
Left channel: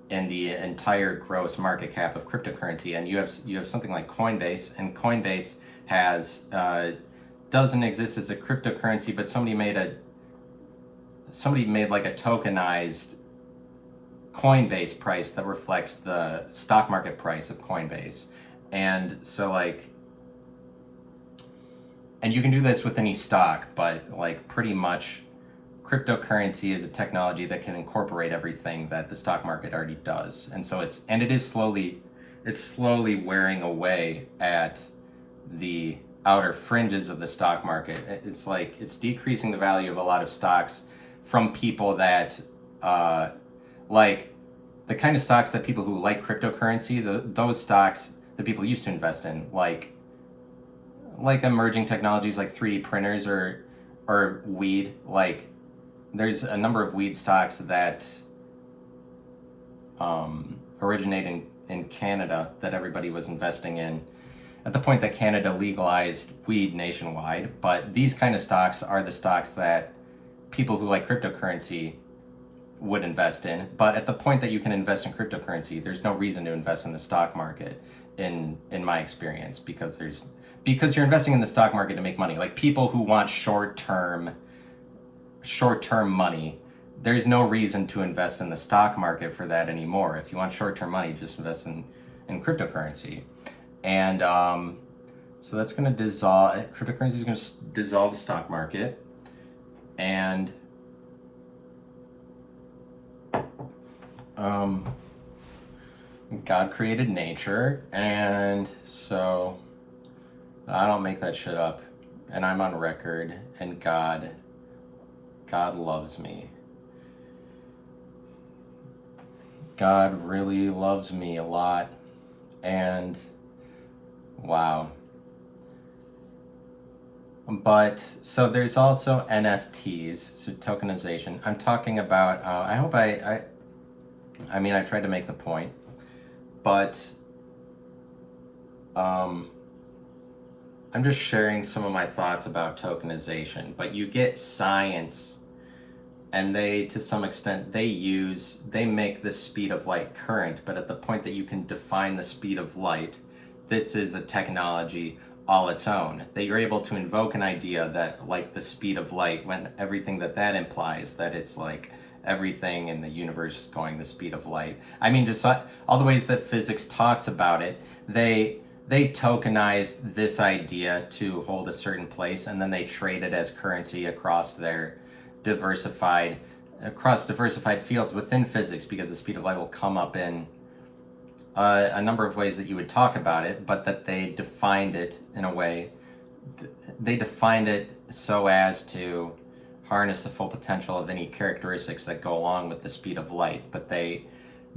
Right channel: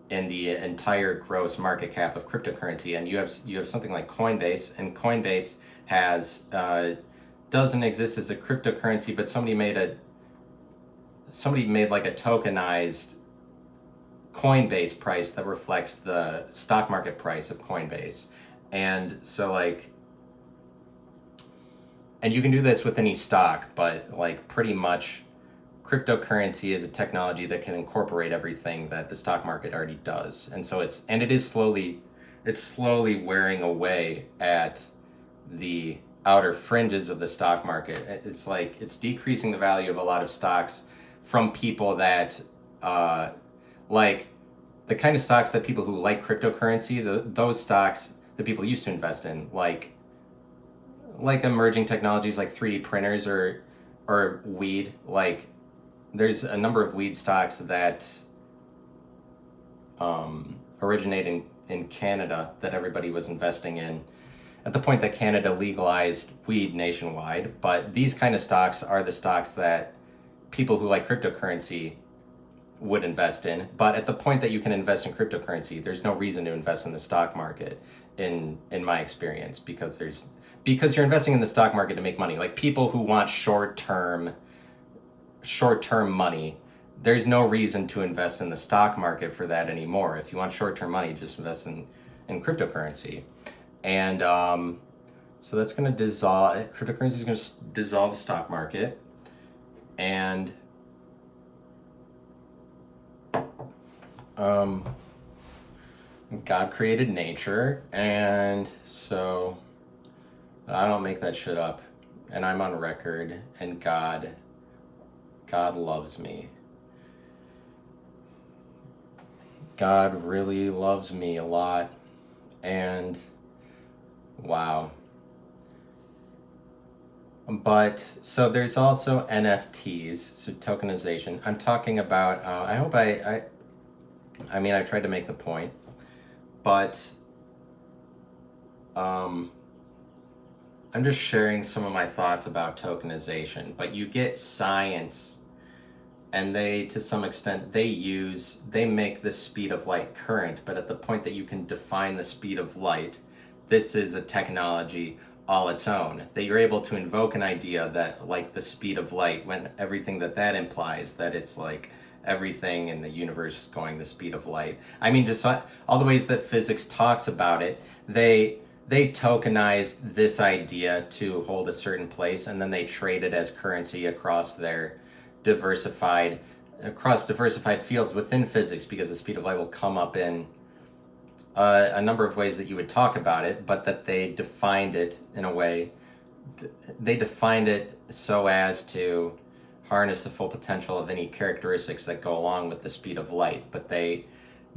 in the entire gross market cap of cryptocurrency. And you have something like Coinbase, and Coinbase has doesn't exist as a cryptocurrency, but somebody made like a tokenized Coinbase price that reflects the stock market price of Coinbase. And so like, and you can do this with any stock, but like pretty much cryptocurrency is a technology that can incorporate everything that the stock market already does. And so it's slowly wearing away at the outer fringes of the stock market. It's like, it's decreasing the value of a lot of stocks from people that like the kind of stocks that people who like cryptocurrency, those stocks that people used to invest in, like emerging technologies like 3D printers or weed. Like, there's a number of weed stocks that originate in Canada that everybody was investing in at the point that Canada legalized weed nationwide. But these kind of stocks are the stocks that people who like cryptocurrency would invest in. But at the point that you can invest in cryptocurrency, there's no reason to invest in the stock market, in my experience, because you're investing in the stock market to make money. Like, people who want short-term money, there's no reason to invest in the stock market for that anymore. If you want short-term money, just invest in cryptocurrency. And so that's going to dissolve, cryptocurrency is going to dissolve the stock market. And God created nature, and so I don't make that shit up, and I'm on record, and God loves me. God really loves me a lot, and wow. But so there's also NFTs, so tokenization. I'm talking about, I hope I tried to make the point, but I'm just sharing some of my thoughts about tokenization. But you get science, and they, to some extent, they make the speed of light current, but at the point that you can define the speed of light, this is a technology all its own, that you're able to invoke an idea that, like the speed of light, when everything that implies, that it's like everything in the universe is going the speed of light. I mean, just all the ways that physics talks about it, they tokenized this idea to hold a certain place, and then they trade it as currency across diversified fields within physics, because the speed of light will come up in a number of ways that you would talk about it, but that they defined it in a way, they defined it so as to harness the full potential of any characteristics that go along with the speed of light. But they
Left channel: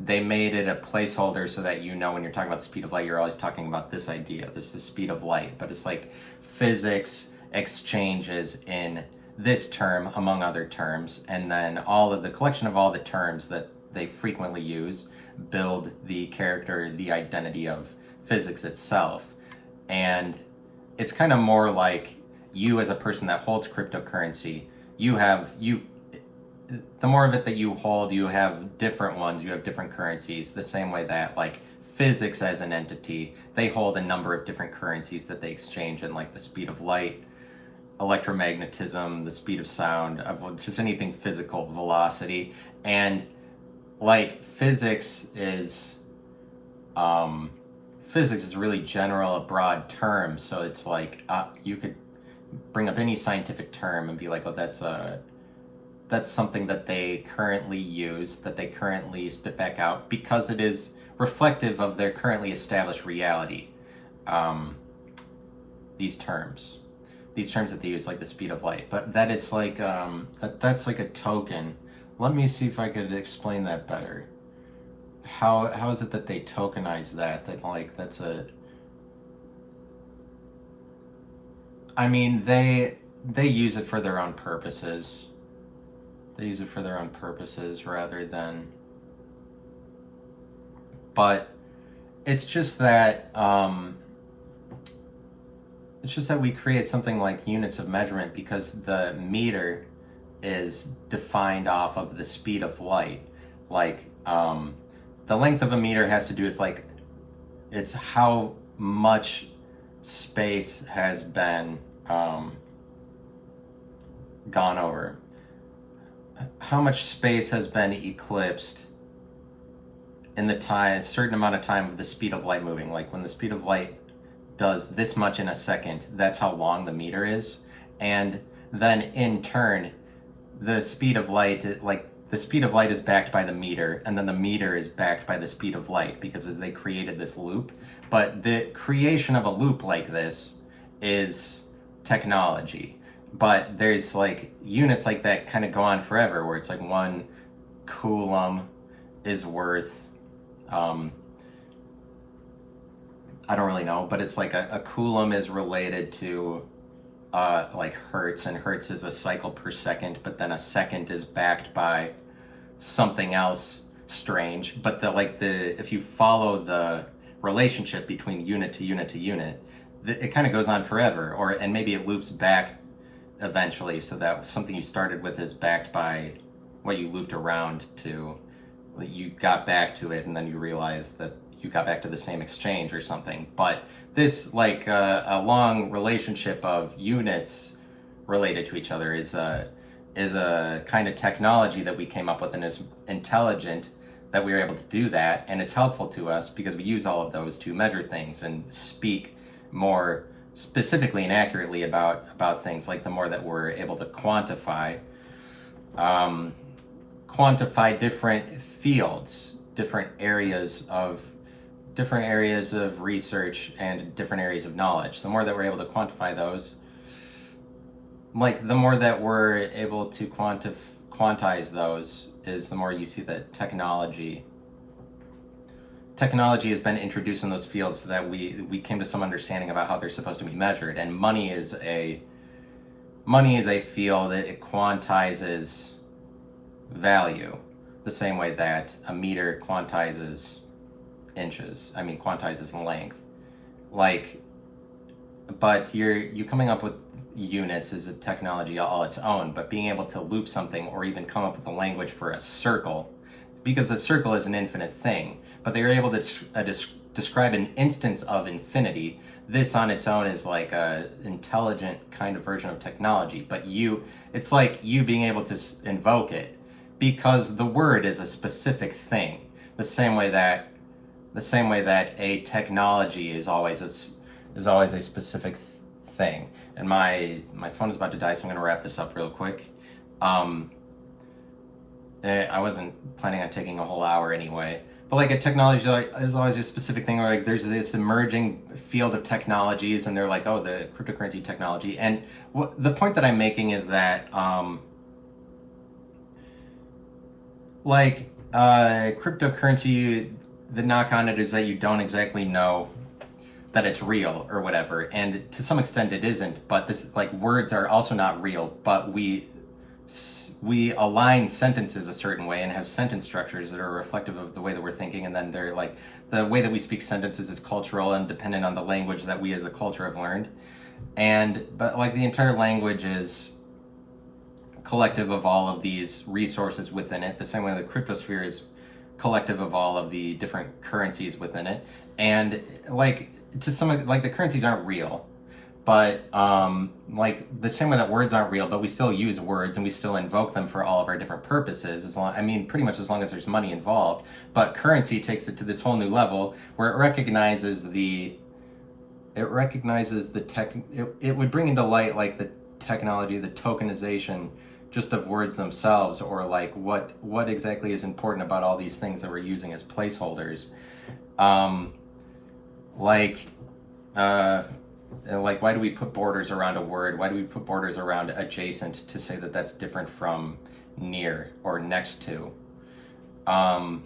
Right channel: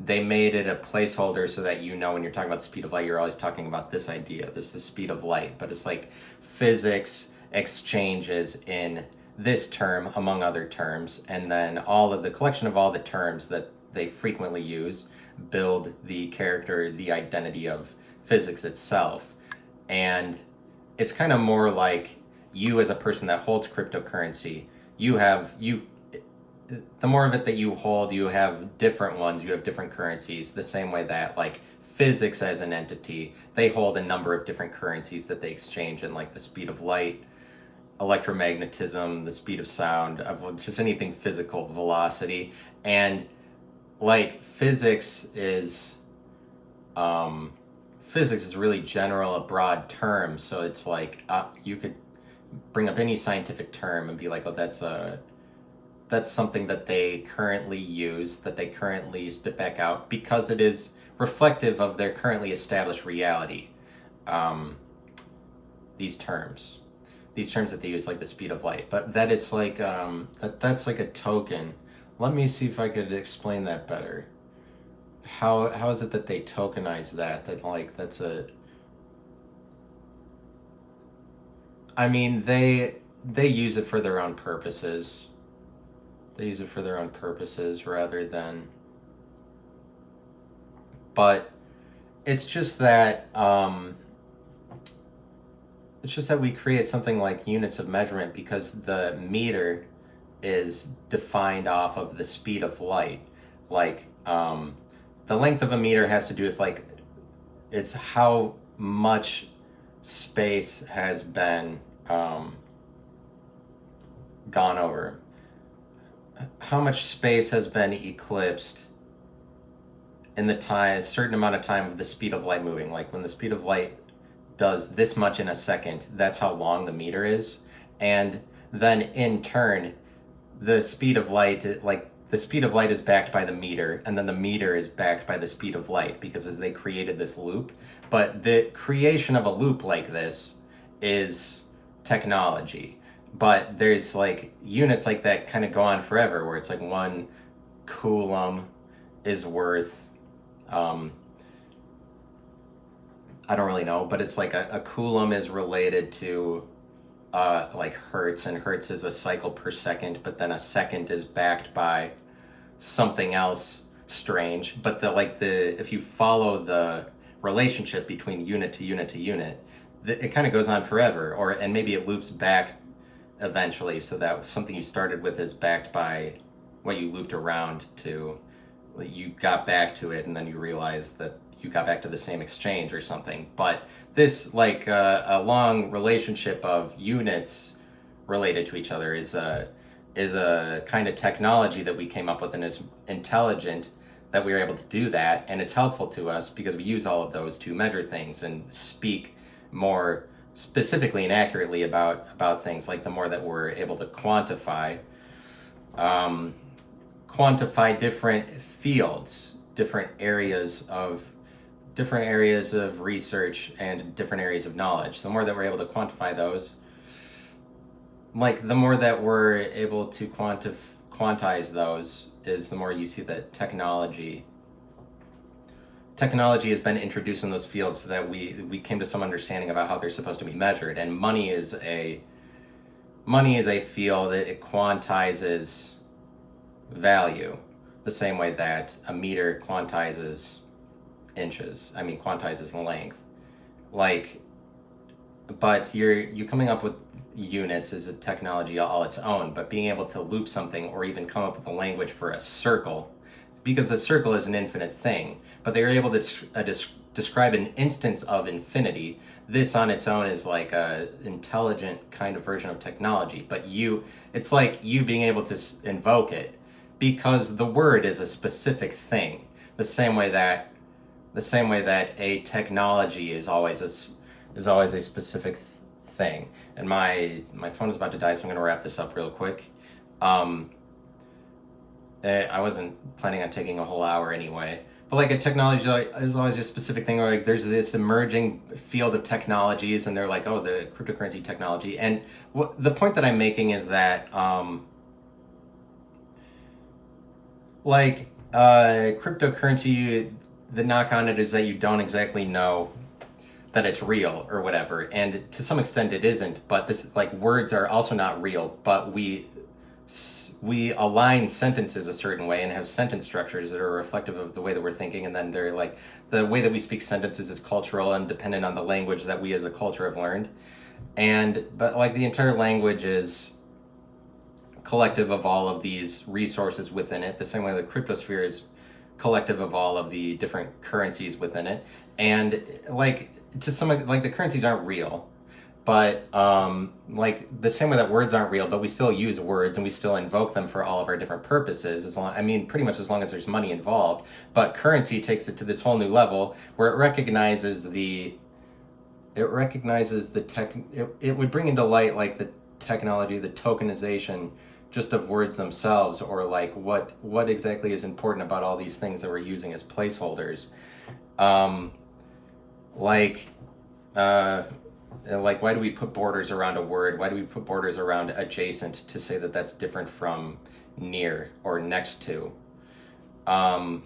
they made it a placeholder so that when you're talking about the speed of light, you're always talking about this idea. This is the speed of light, but it's like physics exchanges in this term among other terms, and then all of the collection of all the terms that they frequently use build the character, the identity of physics itself. And it's kind of more like you as a person that holds cryptocurrency, the more of it that you hold, you have different ones, you have different currencies, the same way that like physics as an entity, they hold a number of different currencies that they exchange in, like the speed of light, electromagnetism, the speed of sound, of just anything physical, velocity. And like physics is really general, a broad term. So it's like you could bring up any scientific term and be like, oh, that's something that they currently use, that they currently spit back out, because it is reflective of their currently established reality. These terms that they use, like the speed of light, but that is like that's like a token. Let me see if I could explain that better. How is it that they tokenize that? I mean, they use it for their own purposes. They use it for their own purposes rather than. But it's just that we create something like units of measurement, because the meter is defined off of the speed of light. Like the length of a meter has to do with like it's how much space has been gone over. How much space has been eclipsed in a certain amount of time of the speed of light moving. Like when the speed of light does this much in a second, that's how long the meter is. And then in turn, the speed of light is backed by the meter, and then the meter is backed by the speed of light, because as they created this loop. But the creation of a loop like this is technology. But there's like units like that kind of go on forever, where it's like 1 coulomb is worth, I don't really know, but it's like a coulomb is related to like hertz, and hertz is a cycle per second, but then a second is backed by something else strange. But if you follow the relationship between unit to unit to unit, it kind of goes on forever, and maybe it loops back eventually, so that something you started with is backed by what you looped around to. You got back to it, and then you realized that you got back to the same exchange or something. But this, like a long relationship of units related to each other, is a kind of technology that we came up with, and is intelligent that we were able to do that. And it's helpful to us because we use all of those to measure things and speak more specifically and accurately about things. Like the more that we're able to quantify different fields, different areas of research and different areas of knowledge, the more that we're able to quantify those, like the more that we're able to quantize those, is the more you see that technology has been introduced in those fields, so that we came to some understanding about how they're supposed to be measured. And money is a field that it quantizes value the same way that a meter quantizes length. But you coming up with units is a technology all its own. But being able to loop something, or even come up with a language for a circle, because a circle is an infinite thing, but they were able to describe an instance of infinity. This on its own is like a intelligent kind of version of technology. But it's like you being able to invoke it, because the word is a specific thing. The same way that a technology is always a specific thing. And my phone is about to die, so I'm going to wrap this up real quick. I wasn't planning on taking a whole hour anyway. But like a technology is always a specific thing, or like there's this emerging field of technologies, and they're like, oh, the cryptocurrency technology. And the point that I'm making is that like Cryptocurrency, the knock on it is that you don't exactly know that it's real or whatever, and to some extent it isn't. But this is like words are also not real, but we align sentences a certain way and have sentence structures that are reflective of the way that we're thinking, and then they're like the way that we speak sentences is cultural and dependent on the language that we as a culture have learned. And but like the entire language is collective of all of these resources within it, the same way the cryptosphere is collective of all of the different currencies within it. And like to some, like the currencies aren't real, but like the same way that words aren't real, but we still use words and we still invoke them for all of our different purposes, as long, I mean pretty much as long as there's money involved. But currency takes it to this whole new level where it recognizes the tech, it would bring into light like the technology, the tokenization just of words themselves, or like what exactly is important about all these things that we're using as placeholders. um like like why do we put borders around a word? Why do we put borders around adjacent to say that that's different from near or next to? But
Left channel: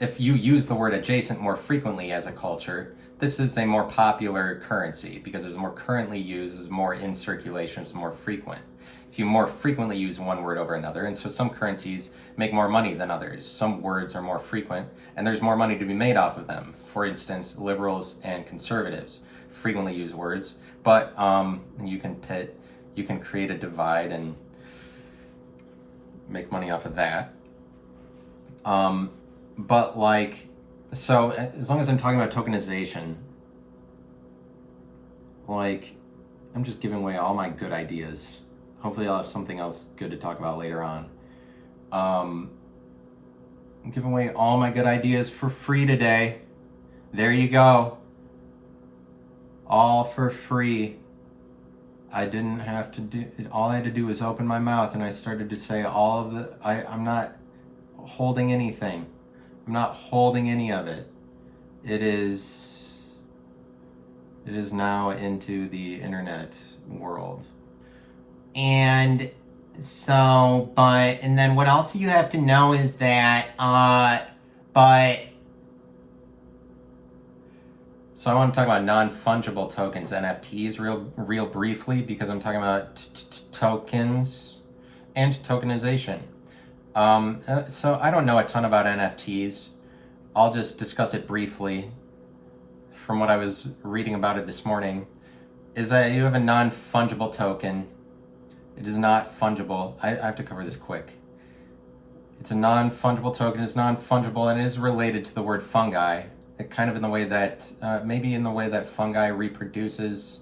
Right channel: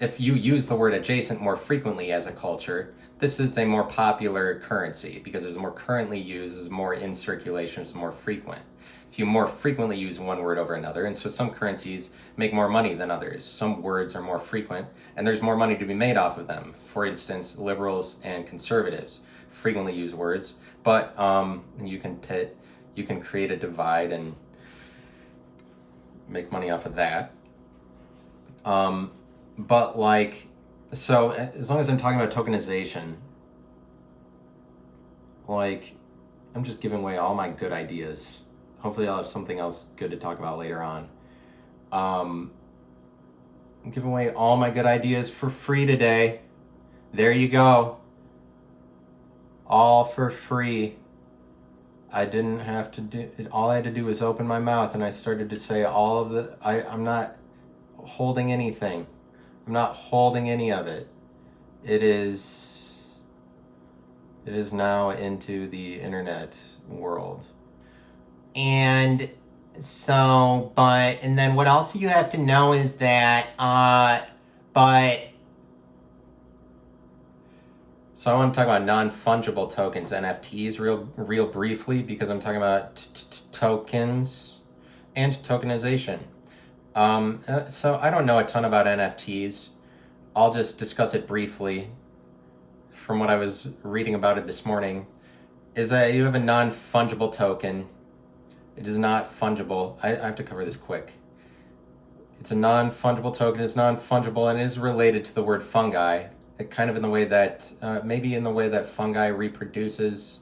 if you use the word adjacent more frequently as a culture, this is a more popular currency because it's more currently used, is more in circulation, it's more frequent. If you more frequently use one word over another, and so some currencies make more money than others. Some words are more frequent, and there's more money to be made off of them. For instance, liberals and conservatives frequently use words, but you can create a divide and make money off of that. But like, so as long as I'm talking about tokenization, like, I'm just giving away all my good ideas. Hopefully I'll have something else good to talk about later on. I'm giving away all my good ideas for free today. There you go. All for free. I didn't have to do it. All I had to do was open my mouth and I started to say all of the, I'm not holding anything. I'm not holding any of it. It is now into the internet world. And so, and then what else you have to know is that, so I want to talk about non-fungible tokens, NFTs, real briefly, because I'm talking about tokens and tokenization. So I don't know a ton about NFTs. I'll just discuss it briefly from what I was reading about it this morning. Is that you have a non-fungible token. It is not fungible. I have to cover this quick. It's a non-fungible token. It's non-fungible and it is related to the word fungi. It kind of in the way that, maybe in the way that fungi reproduces,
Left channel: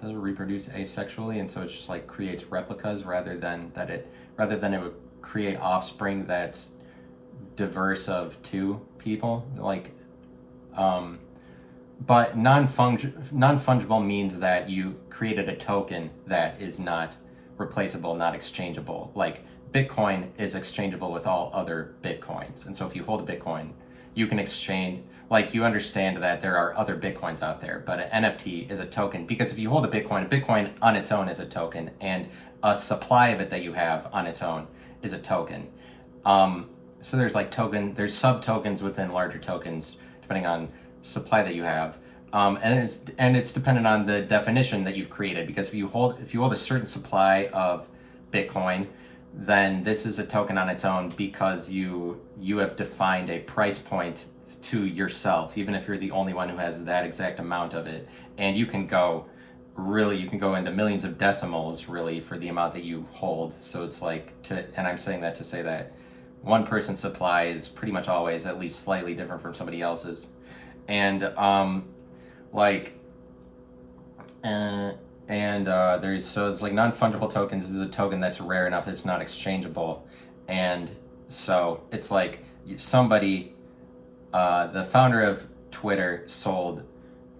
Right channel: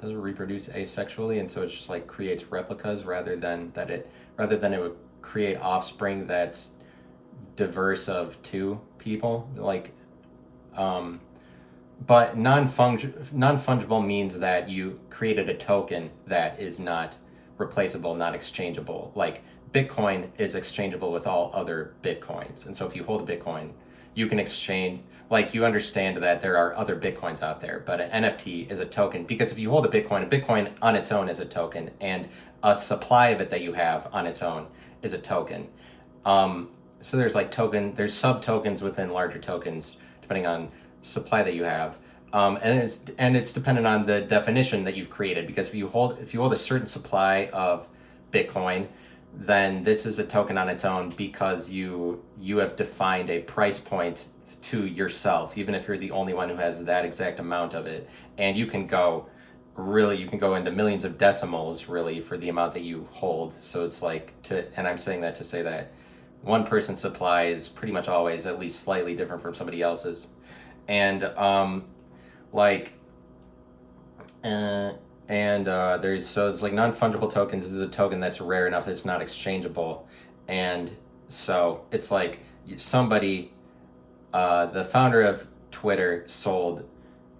does it reproduce asexually, and so it just like creates replicas rather than it would create offspring that's diverse of two people, like but non-fungible means that you created a token that is not replaceable, not exchangeable. Like Bitcoin is exchangeable with all other Bitcoins, and so if you hold a Bitcoin, you can exchange, like you understand that there are other Bitcoins out there, but an NFT is a token, because if you hold a Bitcoin on its own is a token, and a supply of it that you have on its own is a token. So there's like there's sub tokens within larger tokens, depending on supply that you have. And it's dependent on the definition that you've created, because if you hold a certain supply of Bitcoin, then this is a token on its own because you have defined a price point to yourself, even if you're the only one who has that exact amount of it. And you can go into millions of decimals really for the amount that you hold. So it's like and I'm saying that to say that one person's supply is pretty much always at least slightly different from somebody else's. And it's like non-fungible tokens is a token that's rare enough that it's not exchangeable. And so it's like somebody, the founder of Twitter sold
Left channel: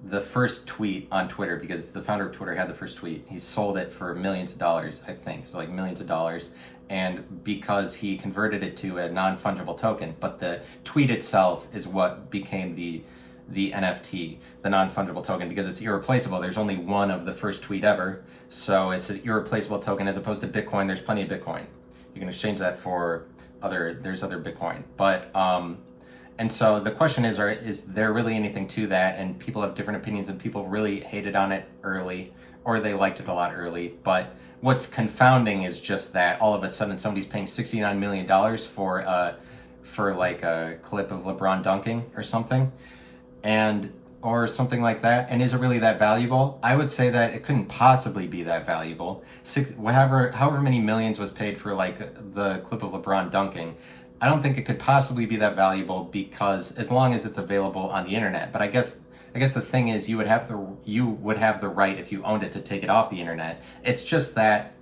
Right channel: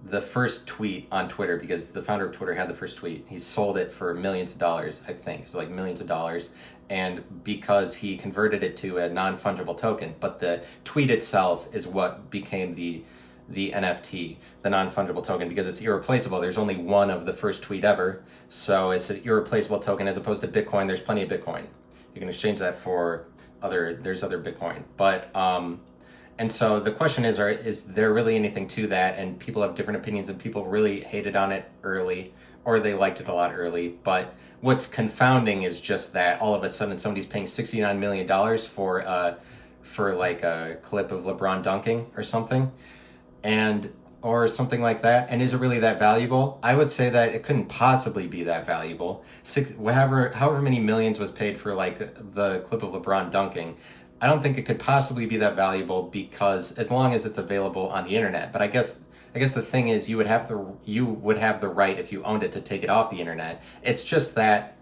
the first tweet on Twitter, because the founder of Twitter had the first tweet. He sold it for millions of dollars, I think. It's like millions of dollars. And because he converted it to a non-fungible token, but the tweet itself is what became the NFT, the non-fungible token, because it's irreplaceable. There's only one of the first tweet ever, so it's an irreplaceable token, as opposed to Bitcoin. There's plenty of Bitcoin. You can exchange that for there's other Bitcoin. But and so the question is there really anything to that? And people have different opinions, and people really hated on it early, or they liked it a lot early. But what's confounding is just that all of a sudden somebody's paying $69 million for like a clip of LeBron dunking or something, or something like that. And is it really that valuable? I would say that it couldn't possibly be that valuable. However many millions was paid for like the clip of LeBron dunking, I don't think it could possibly be that valuable, because as long as it's available on the internet. But I guess the thing is, you would have the right, if you owned it, to take it off the internet. It's just that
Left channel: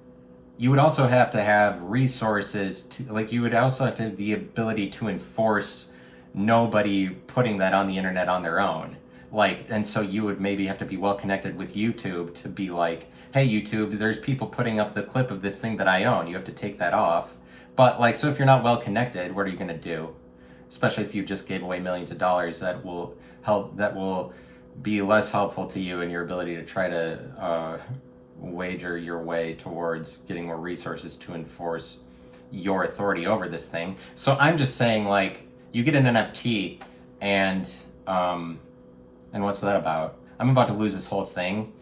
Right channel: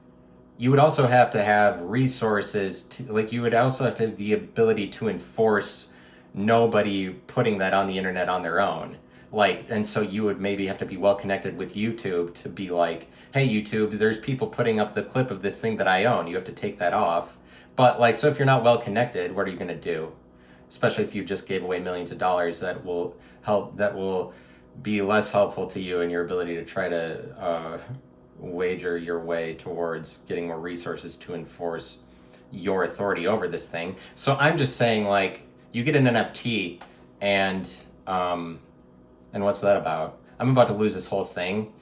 you would also have to have resources to, like, you would also have to have the ability to enforce nobody putting that on the internet on their own. Like, and so you would maybe have to be well connected with YouTube to be like, hey YouTube, there's people putting up the clip of this thing that I own, you have to take that off. But like, so if you're not well connected, what are you going to do? Especially if you just gave away millions of dollars, that will be less helpful to you in your ability to try to wager your way towards getting more resources to enforce your authority over this thing. So I'm just saying, like, you get an NFT, and what's that about? I'm about to lose this whole thing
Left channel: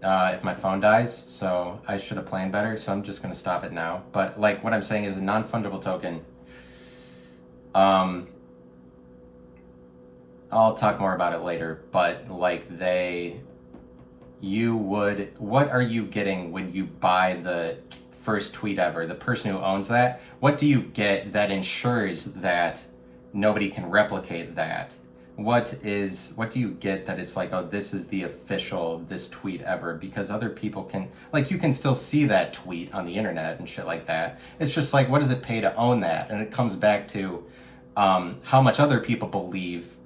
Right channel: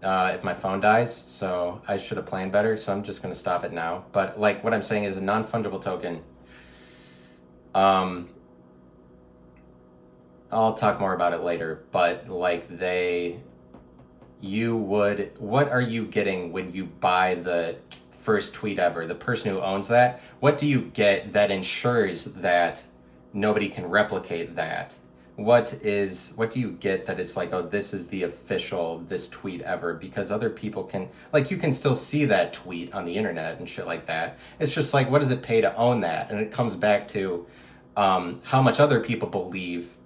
if my phone dies, so I should have planned better, so I'm just going to stop it now. But like, what I'm saying is, a non-fungible token, I'll talk more about it later, but like, what are you getting when you buy the first tweet ever? The person who owns that, what do you get that ensures that nobody can replicate that? What do you get that it's like, oh, this is the official, this tweet ever? Because other people can, like, you can still see that tweet on the internet and shit like that. It's just like, what does it pay to own that? And it comes back to how much other people believe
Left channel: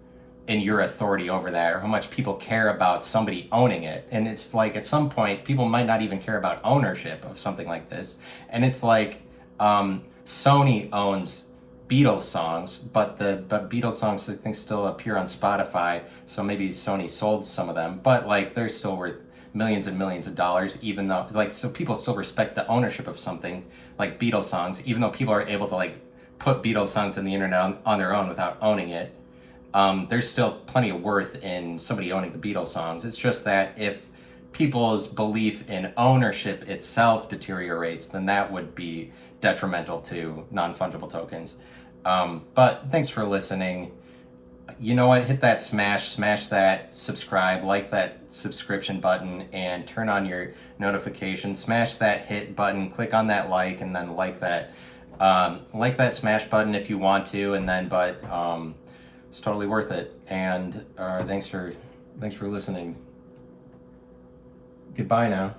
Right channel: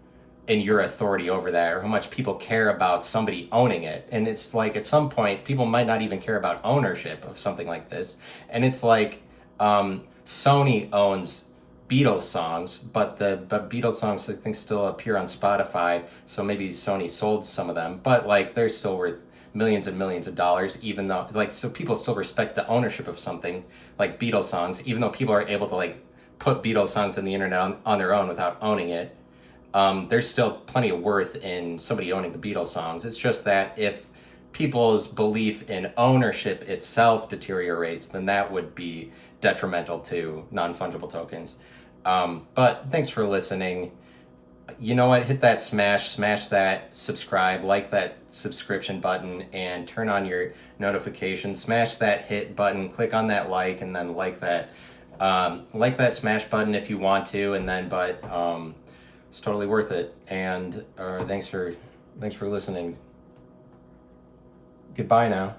in your authority over that, or how much people care about somebody owning it. And it's like, at some point, people might not even care about ownership of something like this. And it's like, Sony owns Beatles songs, but Beatles songs, I think, still appear on Spotify, so maybe Sony sold some of them, but like, they're still worth millions and millions of dollars, even though, like, so people still respect the ownership of something like Beatles songs, even though people are able to like put Beatles songs on the internet on their own without owning it. There's still plenty of worth in somebody owning the Beatles songs. It's just that if people's belief in ownership itself deteriorates, then that would be detrimental to non-fungible tokens. But thanks for listening. You know what? Hit that smash that subscribe, like that subscription button, and turn on your notifications. Smash that hit button, click on that like, and then like that smash button if you want to, and then, it's totally worth it. And thanks for listening. Goodbye now.